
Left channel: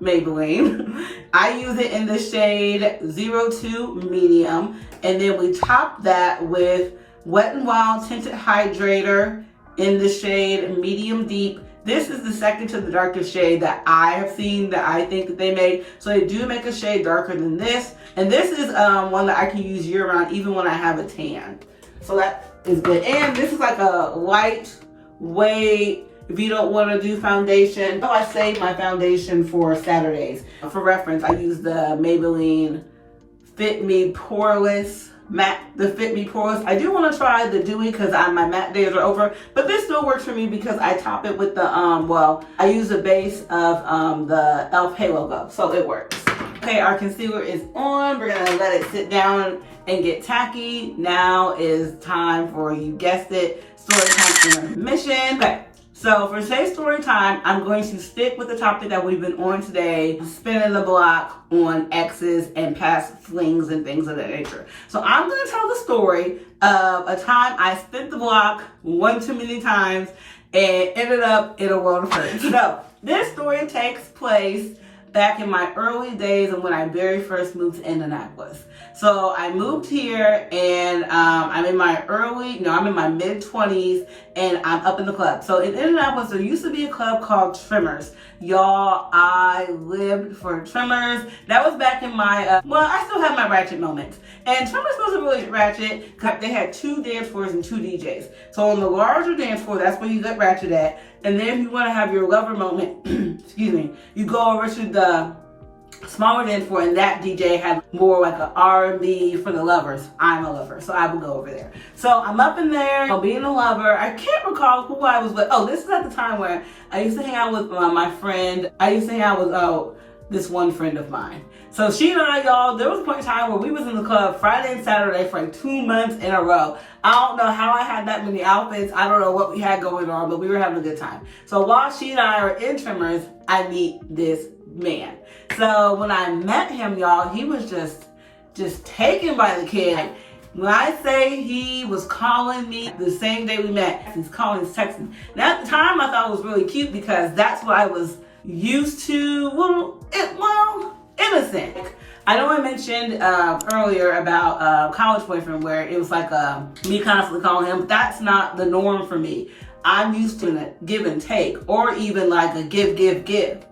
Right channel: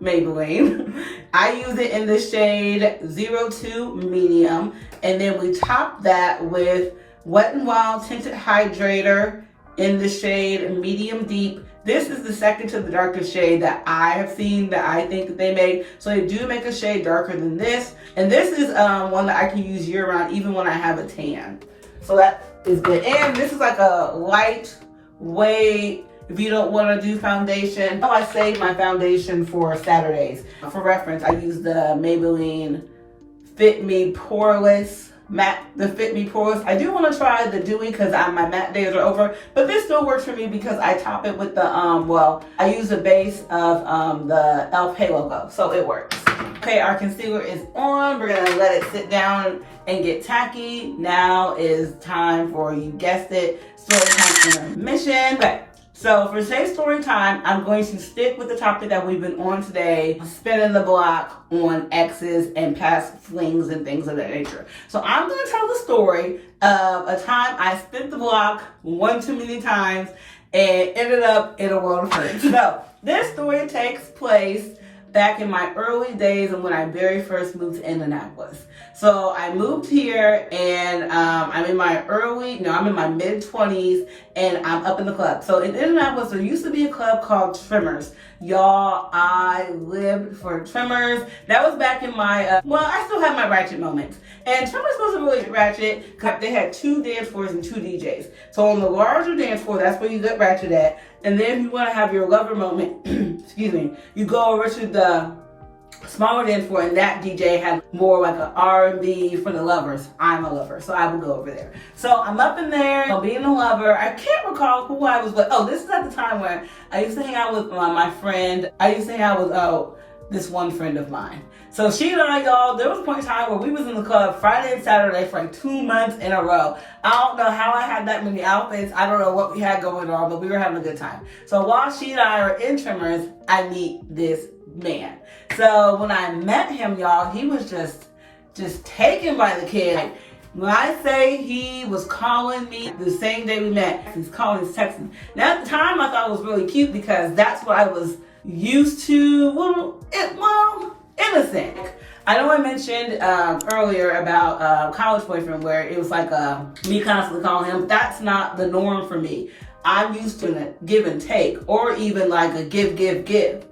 Maybelline. I use it in the shade 02 Medium, and then we top that with Wet n Wild Tinted Hydrator in the shade Medium Deep. This is the second to the darkest shade that I have seen that I think that they make. So they do make a shade darker than this, and this is one that I can use year round even when I have a tan. So that is good. And this is like a lightweight, if you don't want to do foundation. I save my foundation for Saturdays. For reference, I use the Maybelline Fit Me Poreless matte, the Fit Me Poreless. I do want to try the Dewy because my matte days are over, but this still works for me because I top it with the I use the base of the e.l.f. Halo Glow, so it works. Okay, our concealer is on. We're gonna let it sit down and get tacky. Now is time for, you guessed it, Storytime intermission. Okay. So for today's story time, I'm going to stick with the topic that we've been on today, spinning the block on exes and past flings and things of that nature. So I'm going to tell the story of a time I spent the block one too many times and ended up in a world of hurt. So this story takes place back in my early days and when I very first moved to Indianapolis. So I moved here and I'm in my mid-20s and I'm up in the club. So in Indianapolis, there used to be a club called Trimmers. Y'all, I lived for Trimmers. That was back in my, I still have my ratchet moments. And Trimmers wasn't really ratchet because they had 2 dance floors and 2 DJs. So on the larger dance floor, that's where you get ratchet at. And then if you want to have your lover moment, excuse me, you go over to the smaller dance floor, and that DJ had more like an R&B for the lovers. I'm a lover, so I would go over there. So I'm up in there, I'm being a lover. I can't recall who I was with. Oh, this is at the time where I used to hang out with my friend. I used to hang out with this one friend of mine. So she and I, y'all, there was a point in time where we was in the club Friday and Saturday for like 2 months in a row. I don't know how I had that many outfits. I don't know what we had going on, but we were having a good time. So while she and I are in Trimmers, I meet this man. So when I met him, y'all, he was just taken by the kid. Like, when I say he was calling me the same day we met, he's calling, he's texting. Now at the time I thought it was really cute because that's what I was used to. Innocent. I know I mentioned earlier about college boyfriend where it was like me constantly calling him, but that's not the norm for me. I'm used to a give and take, or even like a give.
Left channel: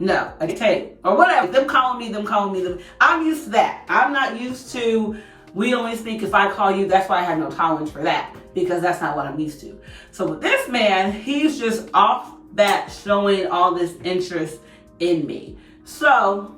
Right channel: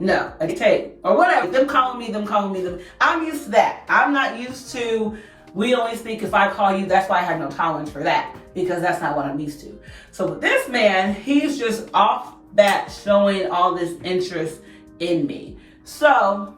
No, a take, or whatever. Them calling me. I'm used to that. I'm not used to, we only speak if I call you. That's why I have no tolerance for that, because that's not what I'm used to. So with this man, he's just off bat showing all this interest in me. So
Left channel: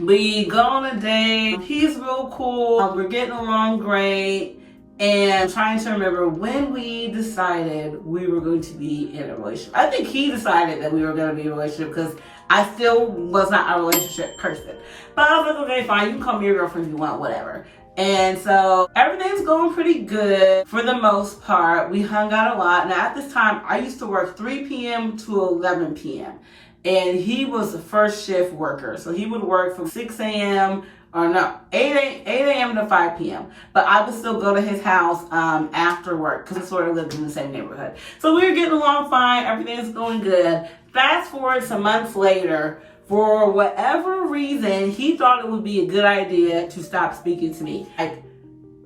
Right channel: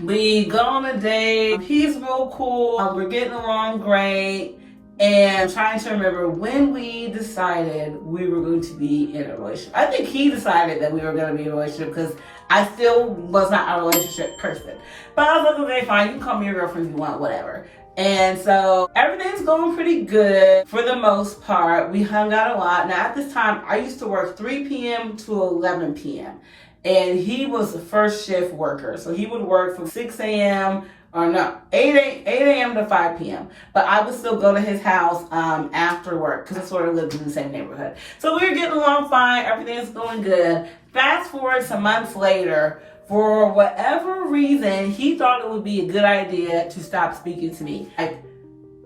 we go on a date. He's real cool. We're getting along great. And I'm trying to remember when we decided we were going to be in a relationship. I think he decided that we were going to be in a relationship because I still was not a relationship person. But I was like, okay, fine, you can call me your girlfriend if you want, whatever. And so everything's going pretty good for the most part. We hung out a lot. Now at this time, I used to work 3 p.m. to 11 p.m. And he was a first shift worker. So he would work from 6 a.m. 8 a.m. to 5 p.m. But I would still go to his house after work because we sort of lived in the same neighborhood. So we were getting along fine. Everything's going good. Fast forward some months later, for whatever reason, he thought it would be a good idea to stop speaking to me. Like,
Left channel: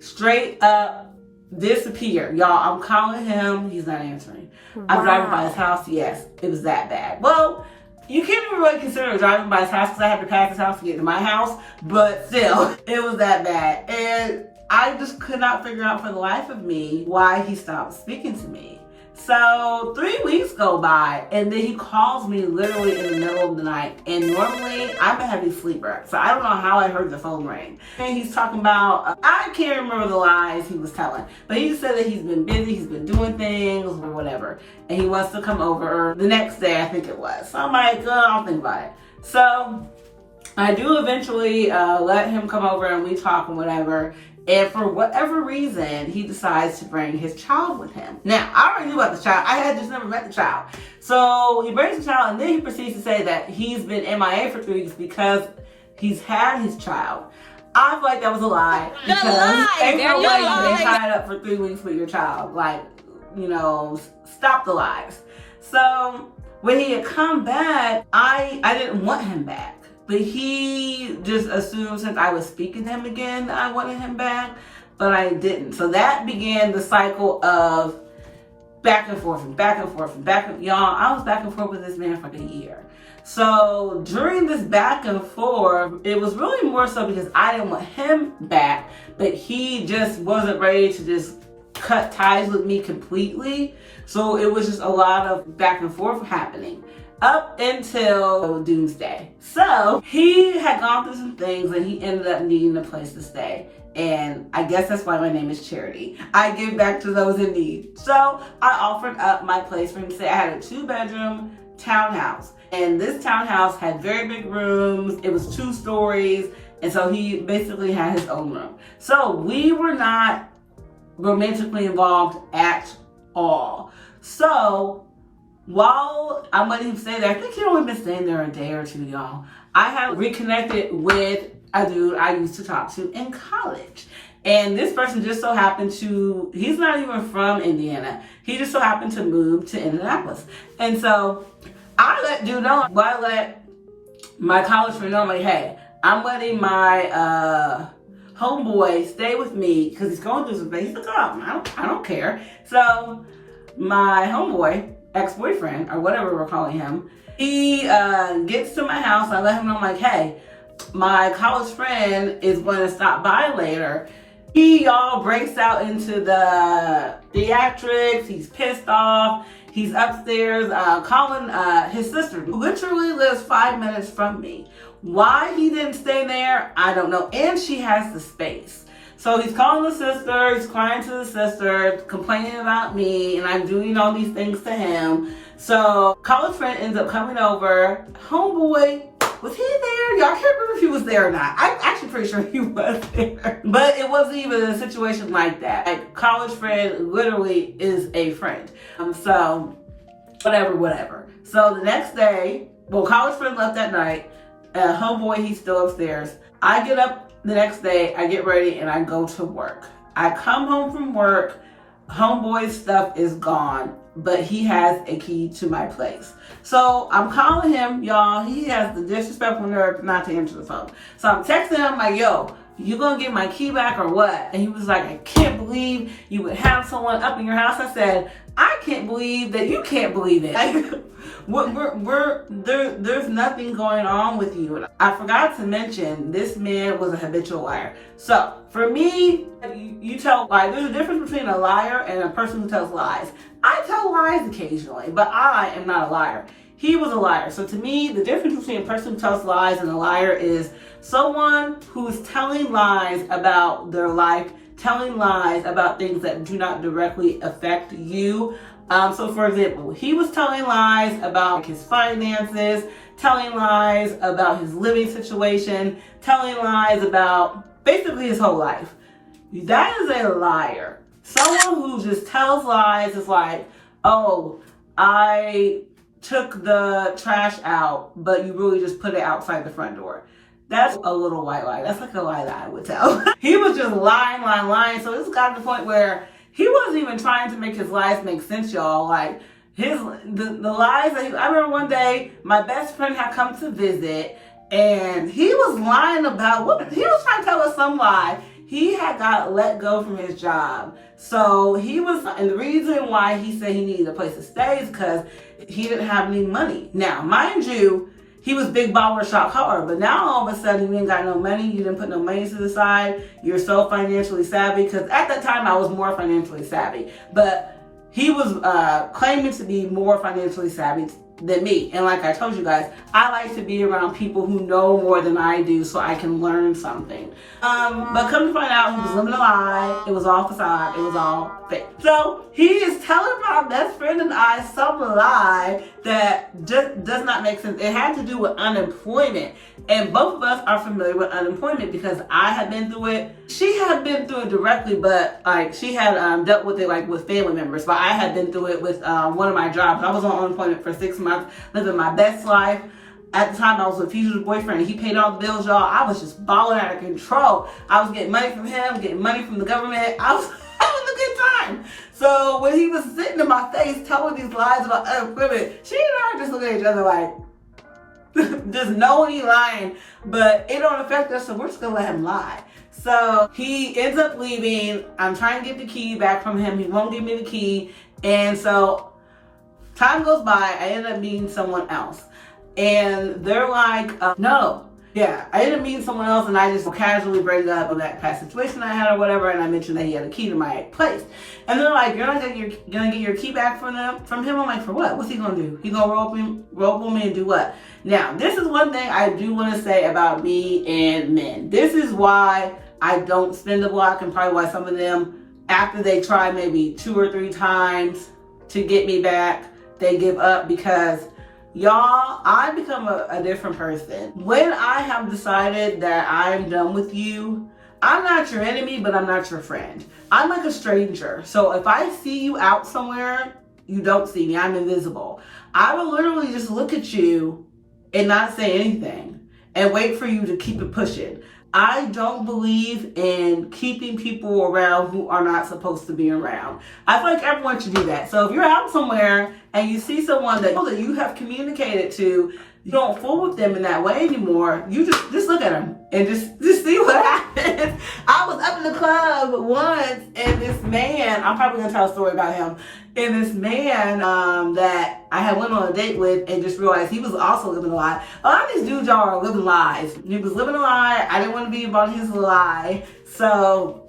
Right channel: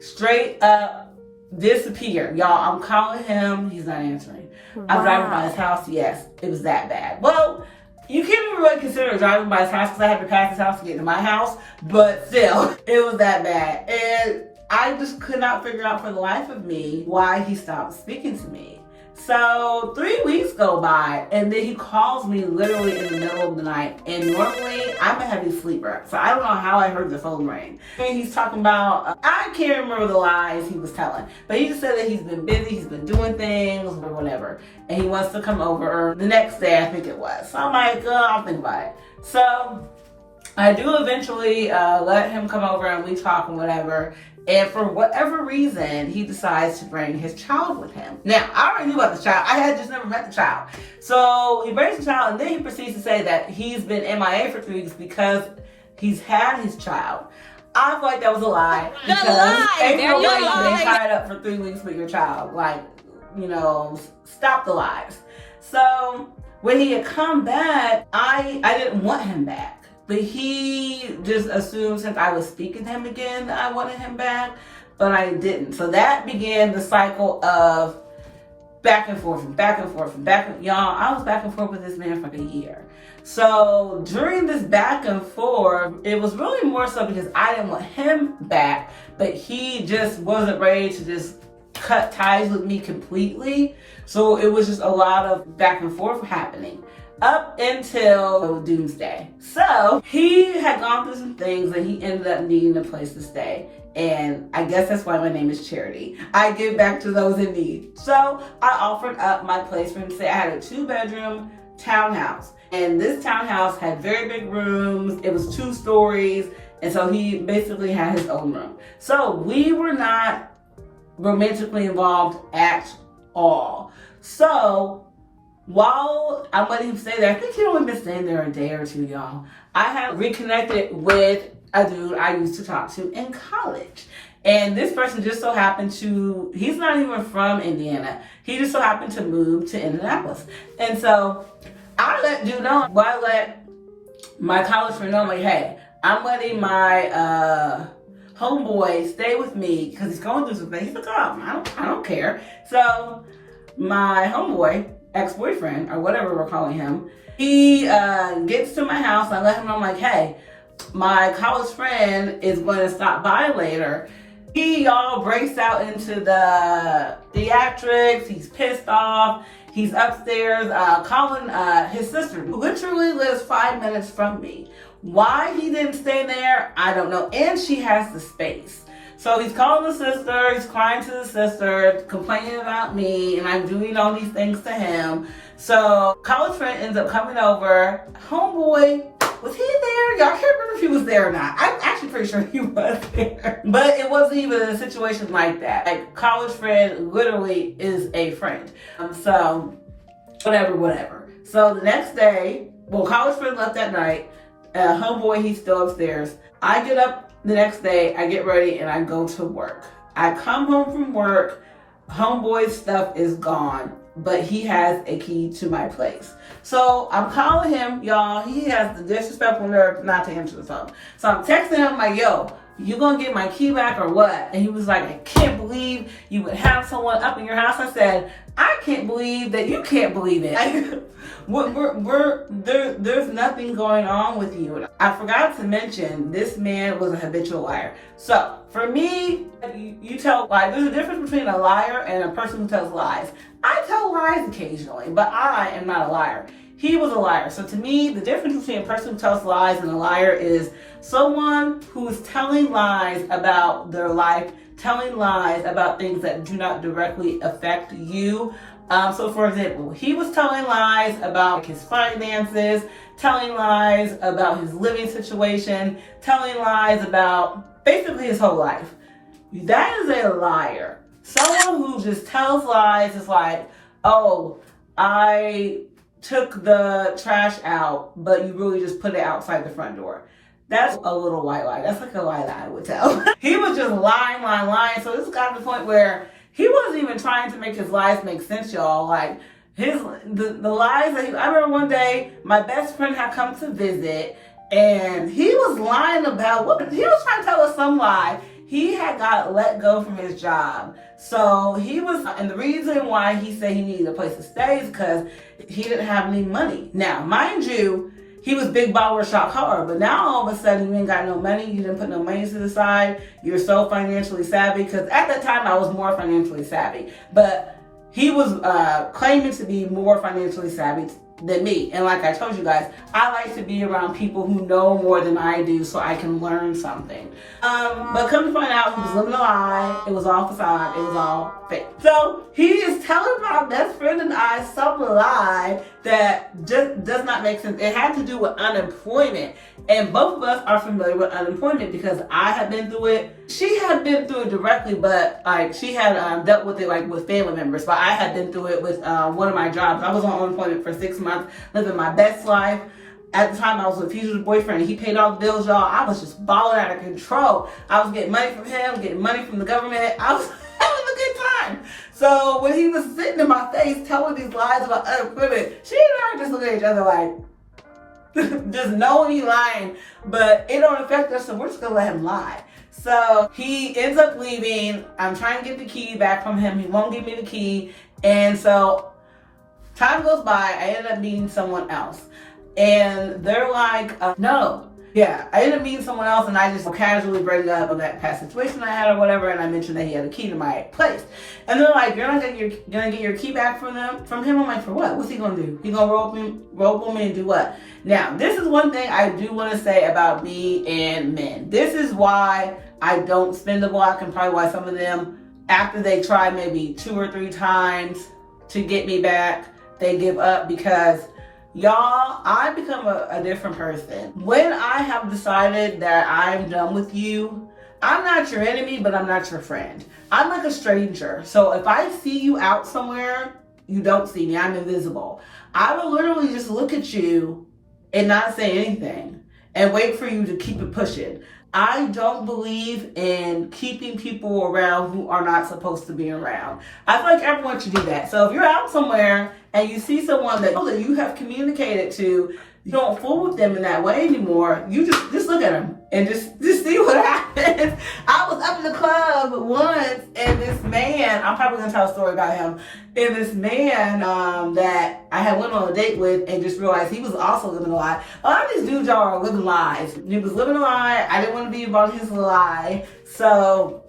straight up disappear. Y'all, I'm calling him. He's not answering. Wow. I'm driving by his house. Yes, it was that bad. Well, you can't even really consider driving by his house because I had to pass his house to get to my house. But still, it was that bad. And I just could not figure out for the life of me why he stopped speaking to me. So 3 weeks go by and then he calls me literally in the middle of the night. And normally I'm a heavy sleeper, so I don't know how I heard the phone ring. And he's talking about, I can't remember the lies he was telling, but he just said that he's been busy, he's been doing things or whatever. And he wants to come over the next day, I think it was. So I'm like, I'll think about it. So I do eventually let him come over and we talk and whatever. And for whatever reason, he decides to bring his child with him. Now, I already knew about the child. I had just never met the child. So he brings the child and then he proceeds to say that he's been MIA for 3 weeks because he's had his child. I feel like that was a lie. The lie! There you go. They tied up for 3 weeks with your child. Like, stop the lies. So when he had come back, I didn't want him back. But he just assumed since I was speaking to him again that I wanted him back, but I didn't. So that began the cycle of back and forth. Y'all, I was back and forth with this man for a year. So during this back and forth, it was really more so because I didn't want him back, but he just wasn't ready to just cut ties with me completely. So it was just a lot of back and forth happening up until doomsday. So he had gone through some things and he ended up needing a place to stay. And I guess that's why my name is Charity. I give back to those in need. So I offered up my place for him to stay. I had a 2-bedroom townhouse. And this townhouse had very big rooms. It was 2 stories. And so he basically had his own room. So we were not romantically involved at all. So while I'm letting him stay there, I think he only been staying there a day or 2, y'all. I have reconnected with a dude I used to talk to in college. And this person just so happened to, he's not even from Indiana. He just so happened to move to Indianapolis. And so I let dude know, well, I let my college friend, I'm like, hey, I'm letting my homeboy stay with me because he's going through some things. He's like, oh, I don't care. So my homeboy, ex-boyfriend, or whatever we're calling him, he gets to my house. I let him know, I'm like, hey, my college friend is going to stop by later. He, y'all, breaks out into the theatrics. He's pissed off. He's upstairs calling his sister, who literally lives 5 minutes from me. Why he didn't stay there, I don't know. And she has the space. So he's calling the sister, he's crying to the sister, complaining about me, and I'm doing all these things to him. So college friend ends up coming over. Homeboy, was he there? Y'all can't remember if he was there or not. I'm actually pretty sure he was there. But it wasn't even in a situation like that. Like, college friend literally is a friend. So, whatever. So the next day, well, college friend left that night. Homeboy, he's still upstairs. I get up the next day, I get ready, and I go to work. I come home from work. Homeboy's stuff is gone, but he has a key to my place. So I'm calling him, y'all. He has the disrespectful nerve not to answer the phone. So I'm texting him, like, yo, you gonna get my key back or what? And he was like, I can't believe you would have someone up in your house. I said, I can't believe that you can't believe it. There's nothing going on with you. I forgot to mention, this man was a habitual liar. So for me, you tell lies. There's a difference between a liar and a person who tells lies. I tell lies occasionally, but I am not a liar. He was a liar. So to me, the difference between a person who tells lies and a liar is someone who is telling lies about their life, telling lies about things that do not directly affect you. So for example, he was telling lies about his finances, telling lies about his living situation, telling lies about basically his whole life. That is a liar. Someone who just tells lies is like, oh, I took the trash out, but you really just put it outside the front door. That's a little white lie. That's like a lie that I would tell. He was just lying. So this got to the point where he wasn't even trying to make his lies make sense, y'all. Like, the lies that I remember one day, my best friend had come to visit, and he was lying about what he was trying to tell us some lie. He had got let go from his job. So he was, and the reason why he said he needed a place to stay is because he didn't have any money. Now, mind you, he was big baller shot hard, but now all of a sudden you ain't got no money, you didn't put no money to the side, you're so financially savvy, because at that time I was more financially savvy, but he was claiming to be more financially savvy than me. And like I told you guys, I like to be around people who know more than I do so I can learn something. But come to find out, he was living a lie. It was all facade. It was all fake. So he is telling my best friend and I some lie that just does not make sense. It had to do with unemployment. And both of us are familiar with unemployment because I had been through it. She had been through it directly, but like she had dealt with it like with family members. But I had been through it with one of my jobs. I was on unemployment for 6 months, living my best life. At the time, I was with Future's boyfriend. He paid all the bills, y'all. I was just balling out of control. I was getting money from him, getting money from the government. I was having a good time. So when he was sitting in my face telling these lies about unemployment, she and I were just looking at each other like, just knowing he's lying, but it don't affect us, so we're just gonna let him lie. So he ends up leaving. I'm trying to get the key back from him. He won't give me the key. And so time goes by, I end up meeting someone else. And they're like, no. Yeah, I ended up meeting someone else and I just casually bring up that past situation I had or whatever, and I mentioned that he had a key to my place. And they're like, you're not gonna get your key back from him? I'm like, for what? What's he gonna do? He gonna roll me and do what? Now, this is one thing I do want to say about me and men. This is why I don't spin the block, and probably why some of them, after they try maybe 2 or 3 times to get me back, they give up, because y'all, I become a different person. When I have decided that I'm done with you, I'm not your enemy, but I'm not your friend. I'm like a stranger. So if I see you out somewhere, you don't see me. I'm invisible. I will literally just look at you and not say anything and wait for you to keep it pushing. I don't believe in keeping people around who are not supposed to be around. I feel like everyone should do that. So if you're out somewhere and you see someone that you have communicated to, you don't fool with them in that way anymore. You just look at them and just see what happens. I was up in the club once, and this man, I'm probably gonna tell a story about him, and this man that I had went on a date with and just realized he was also living a lie. A lot of these dudes are living lies. He was living a lie. I didn't want to be about his lie. So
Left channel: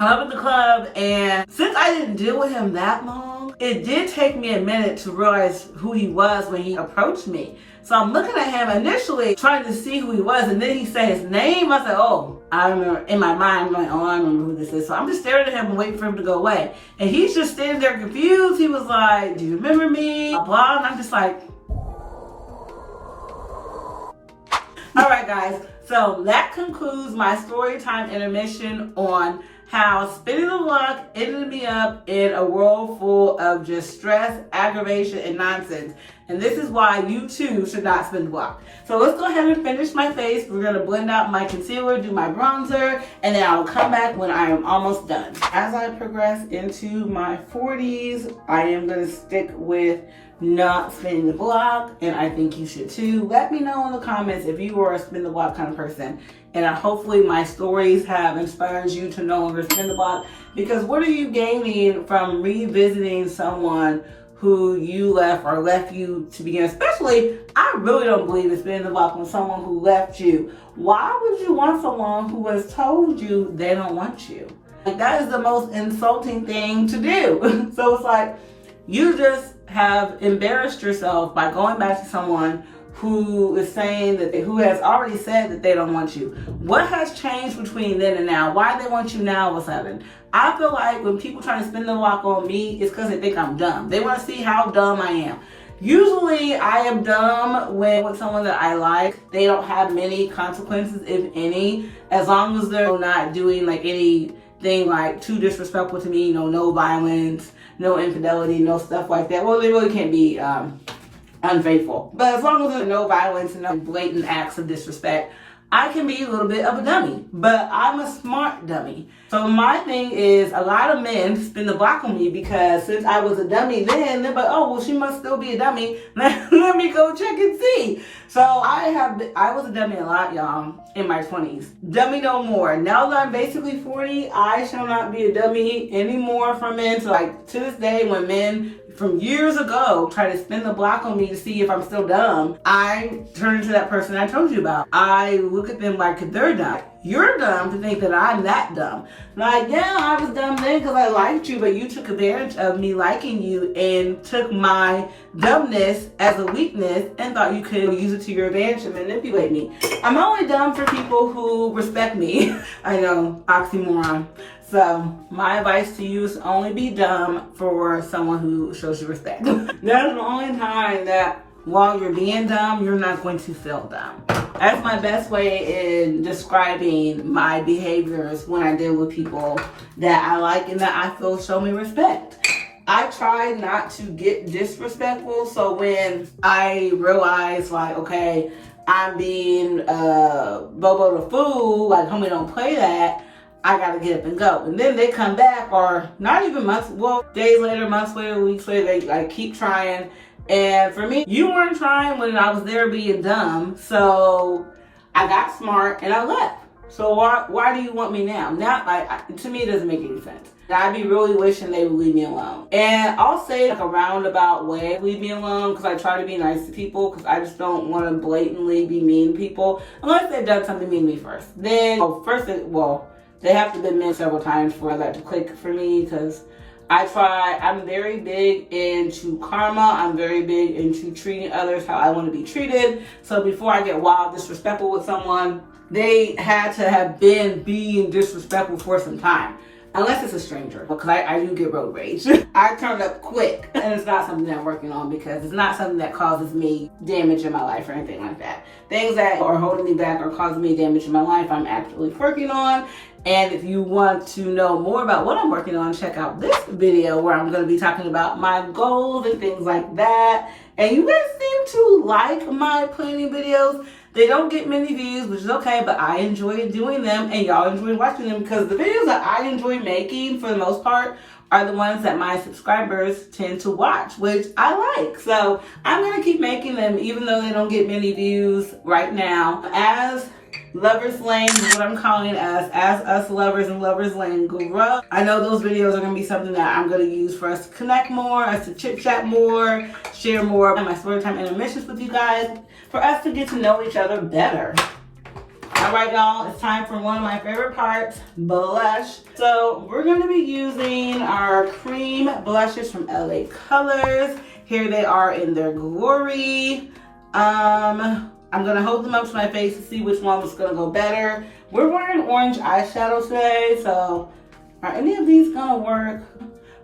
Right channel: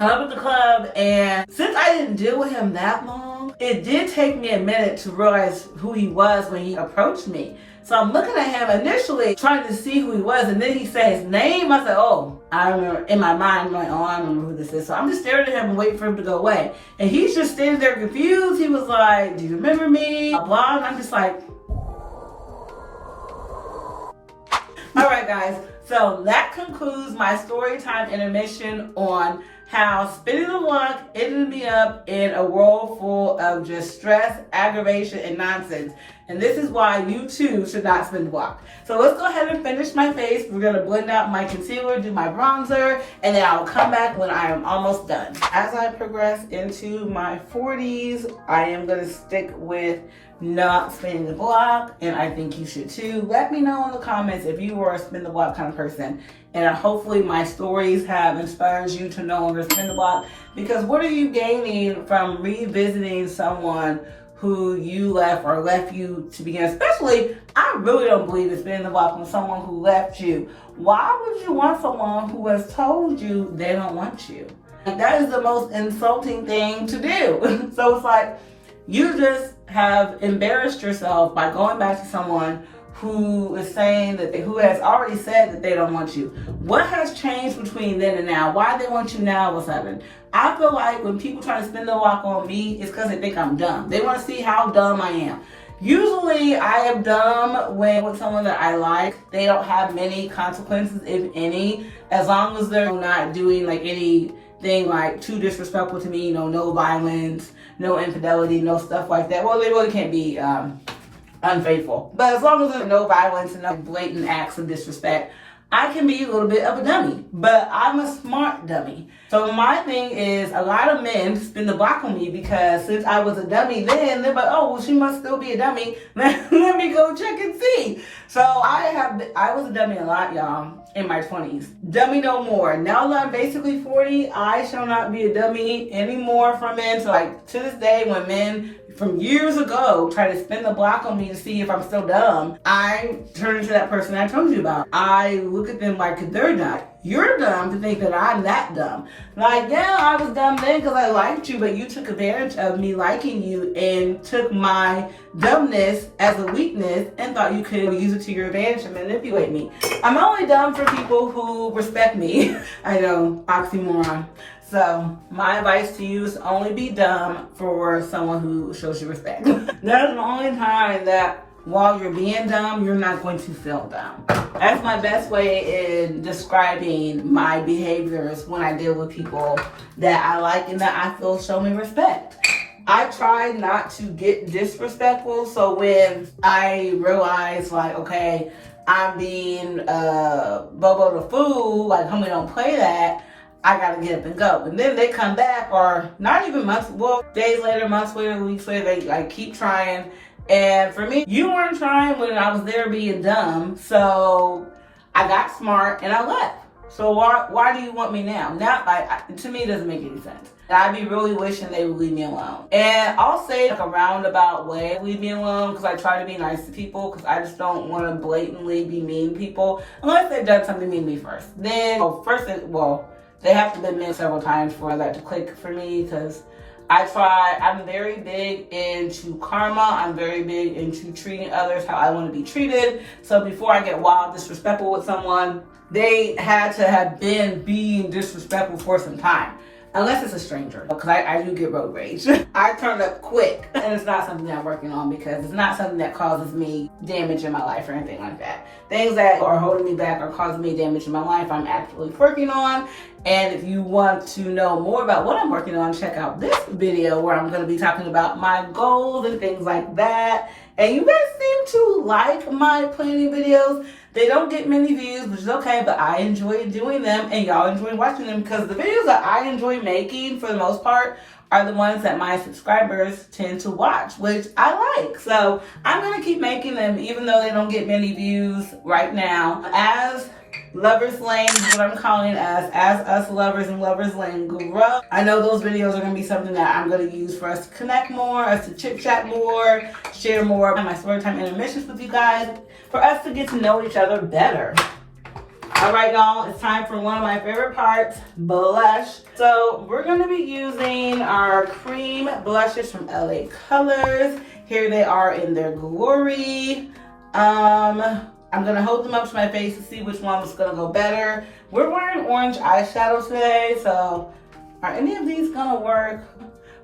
I'm up at the club, and since I didn't deal with him that long, it did take me a minute to realize who he was when he approached me. So I'm looking at him initially, trying to see who he was, and then he said his name. I said, oh, I remember. In my mind, I'm like, oh, I remember who this is. So I'm just staring at him and waiting for him to go away. And he's just standing there confused. He was like, do you remember me? Blah, blah. And I'm just like, all right, guys. So that concludes my story time intermission on how spinning the block ended me up in a world full of just stress, aggravation, and nonsense. And this is why you too should not spin the block. So let's go ahead and finish my face. We're gonna blend out my concealer, do my bronzer, and then I'll come back when I am almost done. As I progress into my 40s, I am gonna stick with not spinning the block, and I think you should too. Let me know in the comments if you were a spin the block kind of person, and hopefully my stories have inspired you to no longer spin the block, because what are you gaining from revisiting someone who you left or left you to begin? Especially, I really don't believe in spinning the block when someone who left you. Why would you want someone who has told you they don't want you? Like, that is the most insulting thing to do. So it's like, you just have embarrassed yourself by going back to someone who is saying that who has already said that they don't want you. What has changed between then and now? Why they want you now all of a sudden? I feel like when people try to spin the block on me, it's because they think I'm dumb. They want to see how dumb I am. Usually I am dumb when with someone that I like. They don't have many consequences, if any, as long as they're not doing like anything like too disrespectful to me, no violence, no infidelity, no stuff like that. Well, they really can't be unfaithful. But as long as there's no violence and no blatant acts of disrespect, I can be a little bit of a dummy, but I'm a smart dummy. So my thing is, a lot of men spin the block on me because since I was a dummy then, they're like, oh, well, she must still be a dummy. Let me go check and see. So I was a dummy a lot, y'all, in my 20s. Dummy no more. Now that I'm basically 40, I shall not be a dummy anymore for men. So like to this day, when men from years ago try to spin the block on me to see if I'm still dumb, I turn into that person I told you about. I look at them like they're dumb. You're dumb to think that I'm that dumb. Like, yeah, I was dumb then because I liked you, but you took advantage of me liking you and took my dumbness as a weakness and thought you could use it to your advantage and manipulate me. I'm only dumb for people who respect me. I know, oxymoron. So my advice to you is only be dumb for someone who shows you respect. That's the only time that while you're being dumb, you're not going to feel dumb. That's my best way in describing my behaviors when I deal with people that I like and that I feel show me respect. I try not to get disrespectful, so when I realize like, okay, I'm being Bobo the fool, like homie don't play that, I gotta get up and go. And then they come back, or not even months, well, days later, months later, weeks later, they like keep trying. And for me, you weren't trying when I was there being dumb, so I got smart and I left. So why do you want me now? To me, it doesn't make any sense. I'd be really wishing they would leave me alone. And I'll say like a roundabout way, leave me alone, because I try to be nice to people, because I just don't want to blatantly be mean to people, unless they've done something mean to me first. Then, they have to have been mean several times for that to click for me, because I'm very big into karma. I'm very big into treating others how I want to be treated. So before I get wild disrespectful with someone, they had to have been being disrespectful for some time. Unless it's a stranger, because I do get road rage. I turn up quick, and it's not something that I'm working on, because it's not something that causes me damage in my life or anything like that. Things that are holding me back or causing me damage in my life, I'm actually working on. And if you want to know more about what I'm working on, check out this video where I'm going to be talking about my goals and things like that. And you guys seem to like my planning videos. They don't get many views, which is okay, but I enjoy doing them and y'all enjoy watching them, because the videos that I enjoy making for the most part are the ones that my subscribers tend to watch, which I like. So I'm gonna keep making them even though they don't get many views right now. As Lovers Lane is what I'm calling it, as us lovers and Lovers Lane grow, I know those videos are going to be something that I'm going to use for us to connect more, us to chit chat more, share more of my Storytime intermissions with you guys, for us to get to know each other better. All right, y'all, it's time for one of my favorite parts, blush. So we're going to be using our cream blushes from LA Colors. Here they are in their glory. I'm gonna hold them up to my face to see which one was gonna go better. We're wearing orange eyeshadow today, so are any of these gonna work?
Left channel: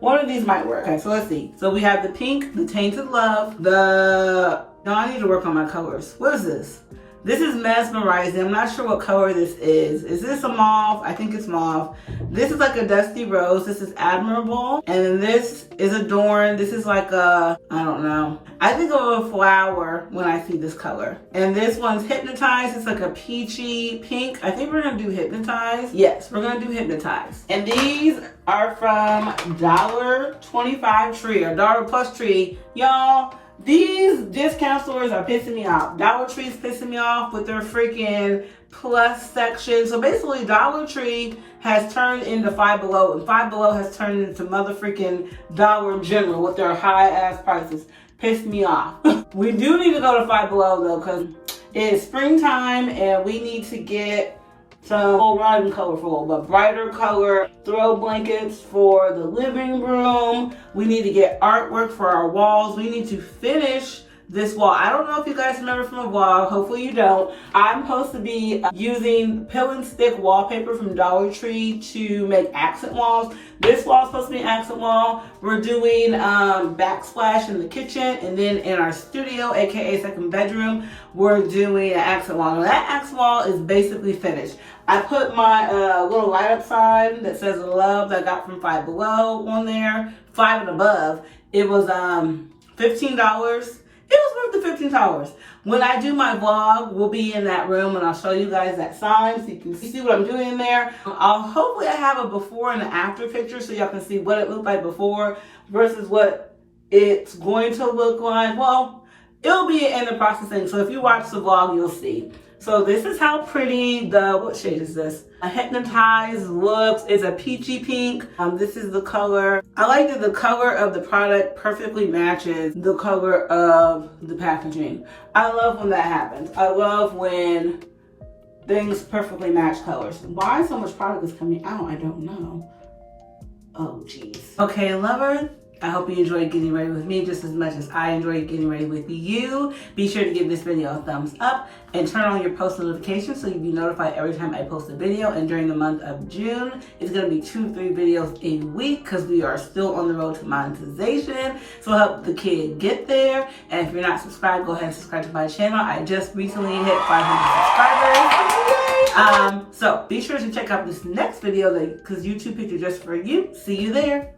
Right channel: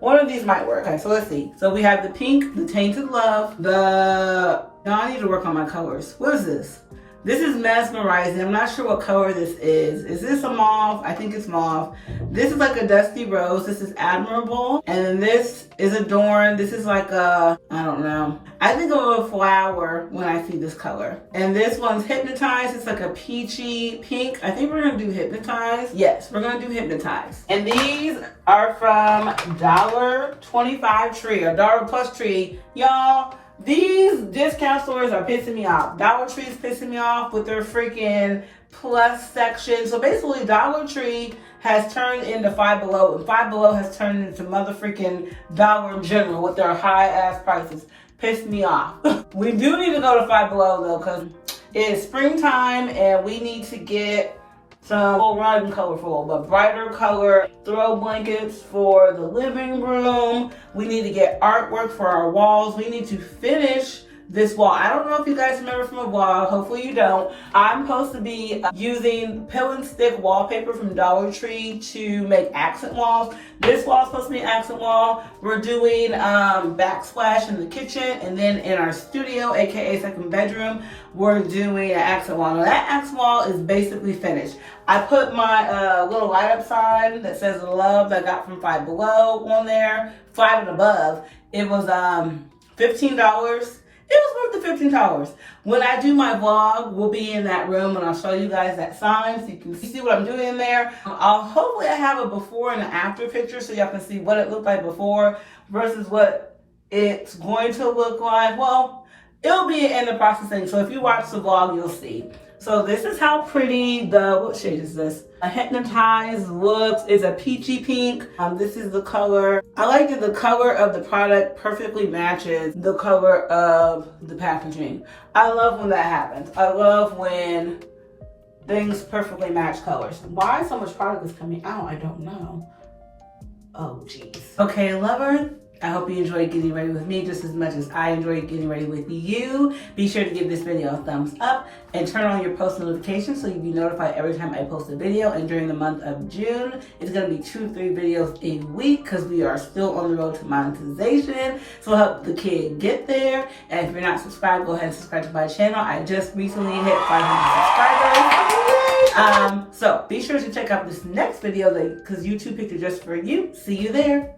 One of these might work. Okay, so let's see. So we have the pink, the Tainted Love, no, I need to work on my colors. What is this? This is Mesmerizing. I'm not sure what color this is. Is this a mauve? I think it's mauve. This is like a Dusty Rose. This is Admirable. And then this is Adorned. This is like a, I don't know. I think of a flower when I see this color. And this one's Hypnotized. It's like a peachy pink. I think we're gonna do Hypnotize. Yes, we're gonna do Hypnotize. And these are from $1.25 Tree or $1 Plus Tree. Y'all, these discount stores are pissing me off. Dollar Tree's pissing me off with their freaking plus section. So basically Dollar Tree has turned into Five Below, and Five Below has turned into mother freaking Dollar General with their high ass prices. Pissed me off. We do need to go to Five Below though, because it's springtime and we need to get some not even colorful, but brighter color throw blankets for the living room. We need to get artwork for our walls. We need to finish this wall. I don't know if you guys remember from a vlog, hopefully you don't. I'm supposed to be using pill and stick wallpaper from Dollar Tree to make accent walls. This wall is supposed to be an accent wall. We're doing backsplash in the kitchen, and then in our studio, aka second bedroom, we're doing an accent wall. Now that accent wall is basically finished. I put my little light up sign that says love that I got from Five Below on there, 5 and above. It was $15. It was worth the $15. When I do my vlog, we'll be in that room and I'll show you guys that sign so you can see what I'm doing in there. Hopefully I have a before and an after picture so y'all can see what it looked like before versus what it's going to look like. Well, it'll be in the processing, so if you watch the vlog, you'll see. So this is how pretty what shade is this? A Hypnotized looks. It's a peachy pink. This is the color. I like that the color of the product perfectly matches the color of the packaging. I love when that happens. I love when things perfectly match colors. Why so much product is coming out? I don't know. Oh, geez. Okay, lover. I hope you enjoyed getting ready with me just as much as I enjoyed getting ready with you. Be sure to give this video a thumbs up and turn on your post notifications so you'll be notified every time I post a video. And during the month of June, it's gonna be 2 to 3 videos a week because we are still on the road to monetization. So we'll help the kid get there. And if you're not subscribed, go ahead and subscribe to my channel. I just recently hit 500 subscribers. So be sure to check out this next video because YouTube picked it just for you. See you there.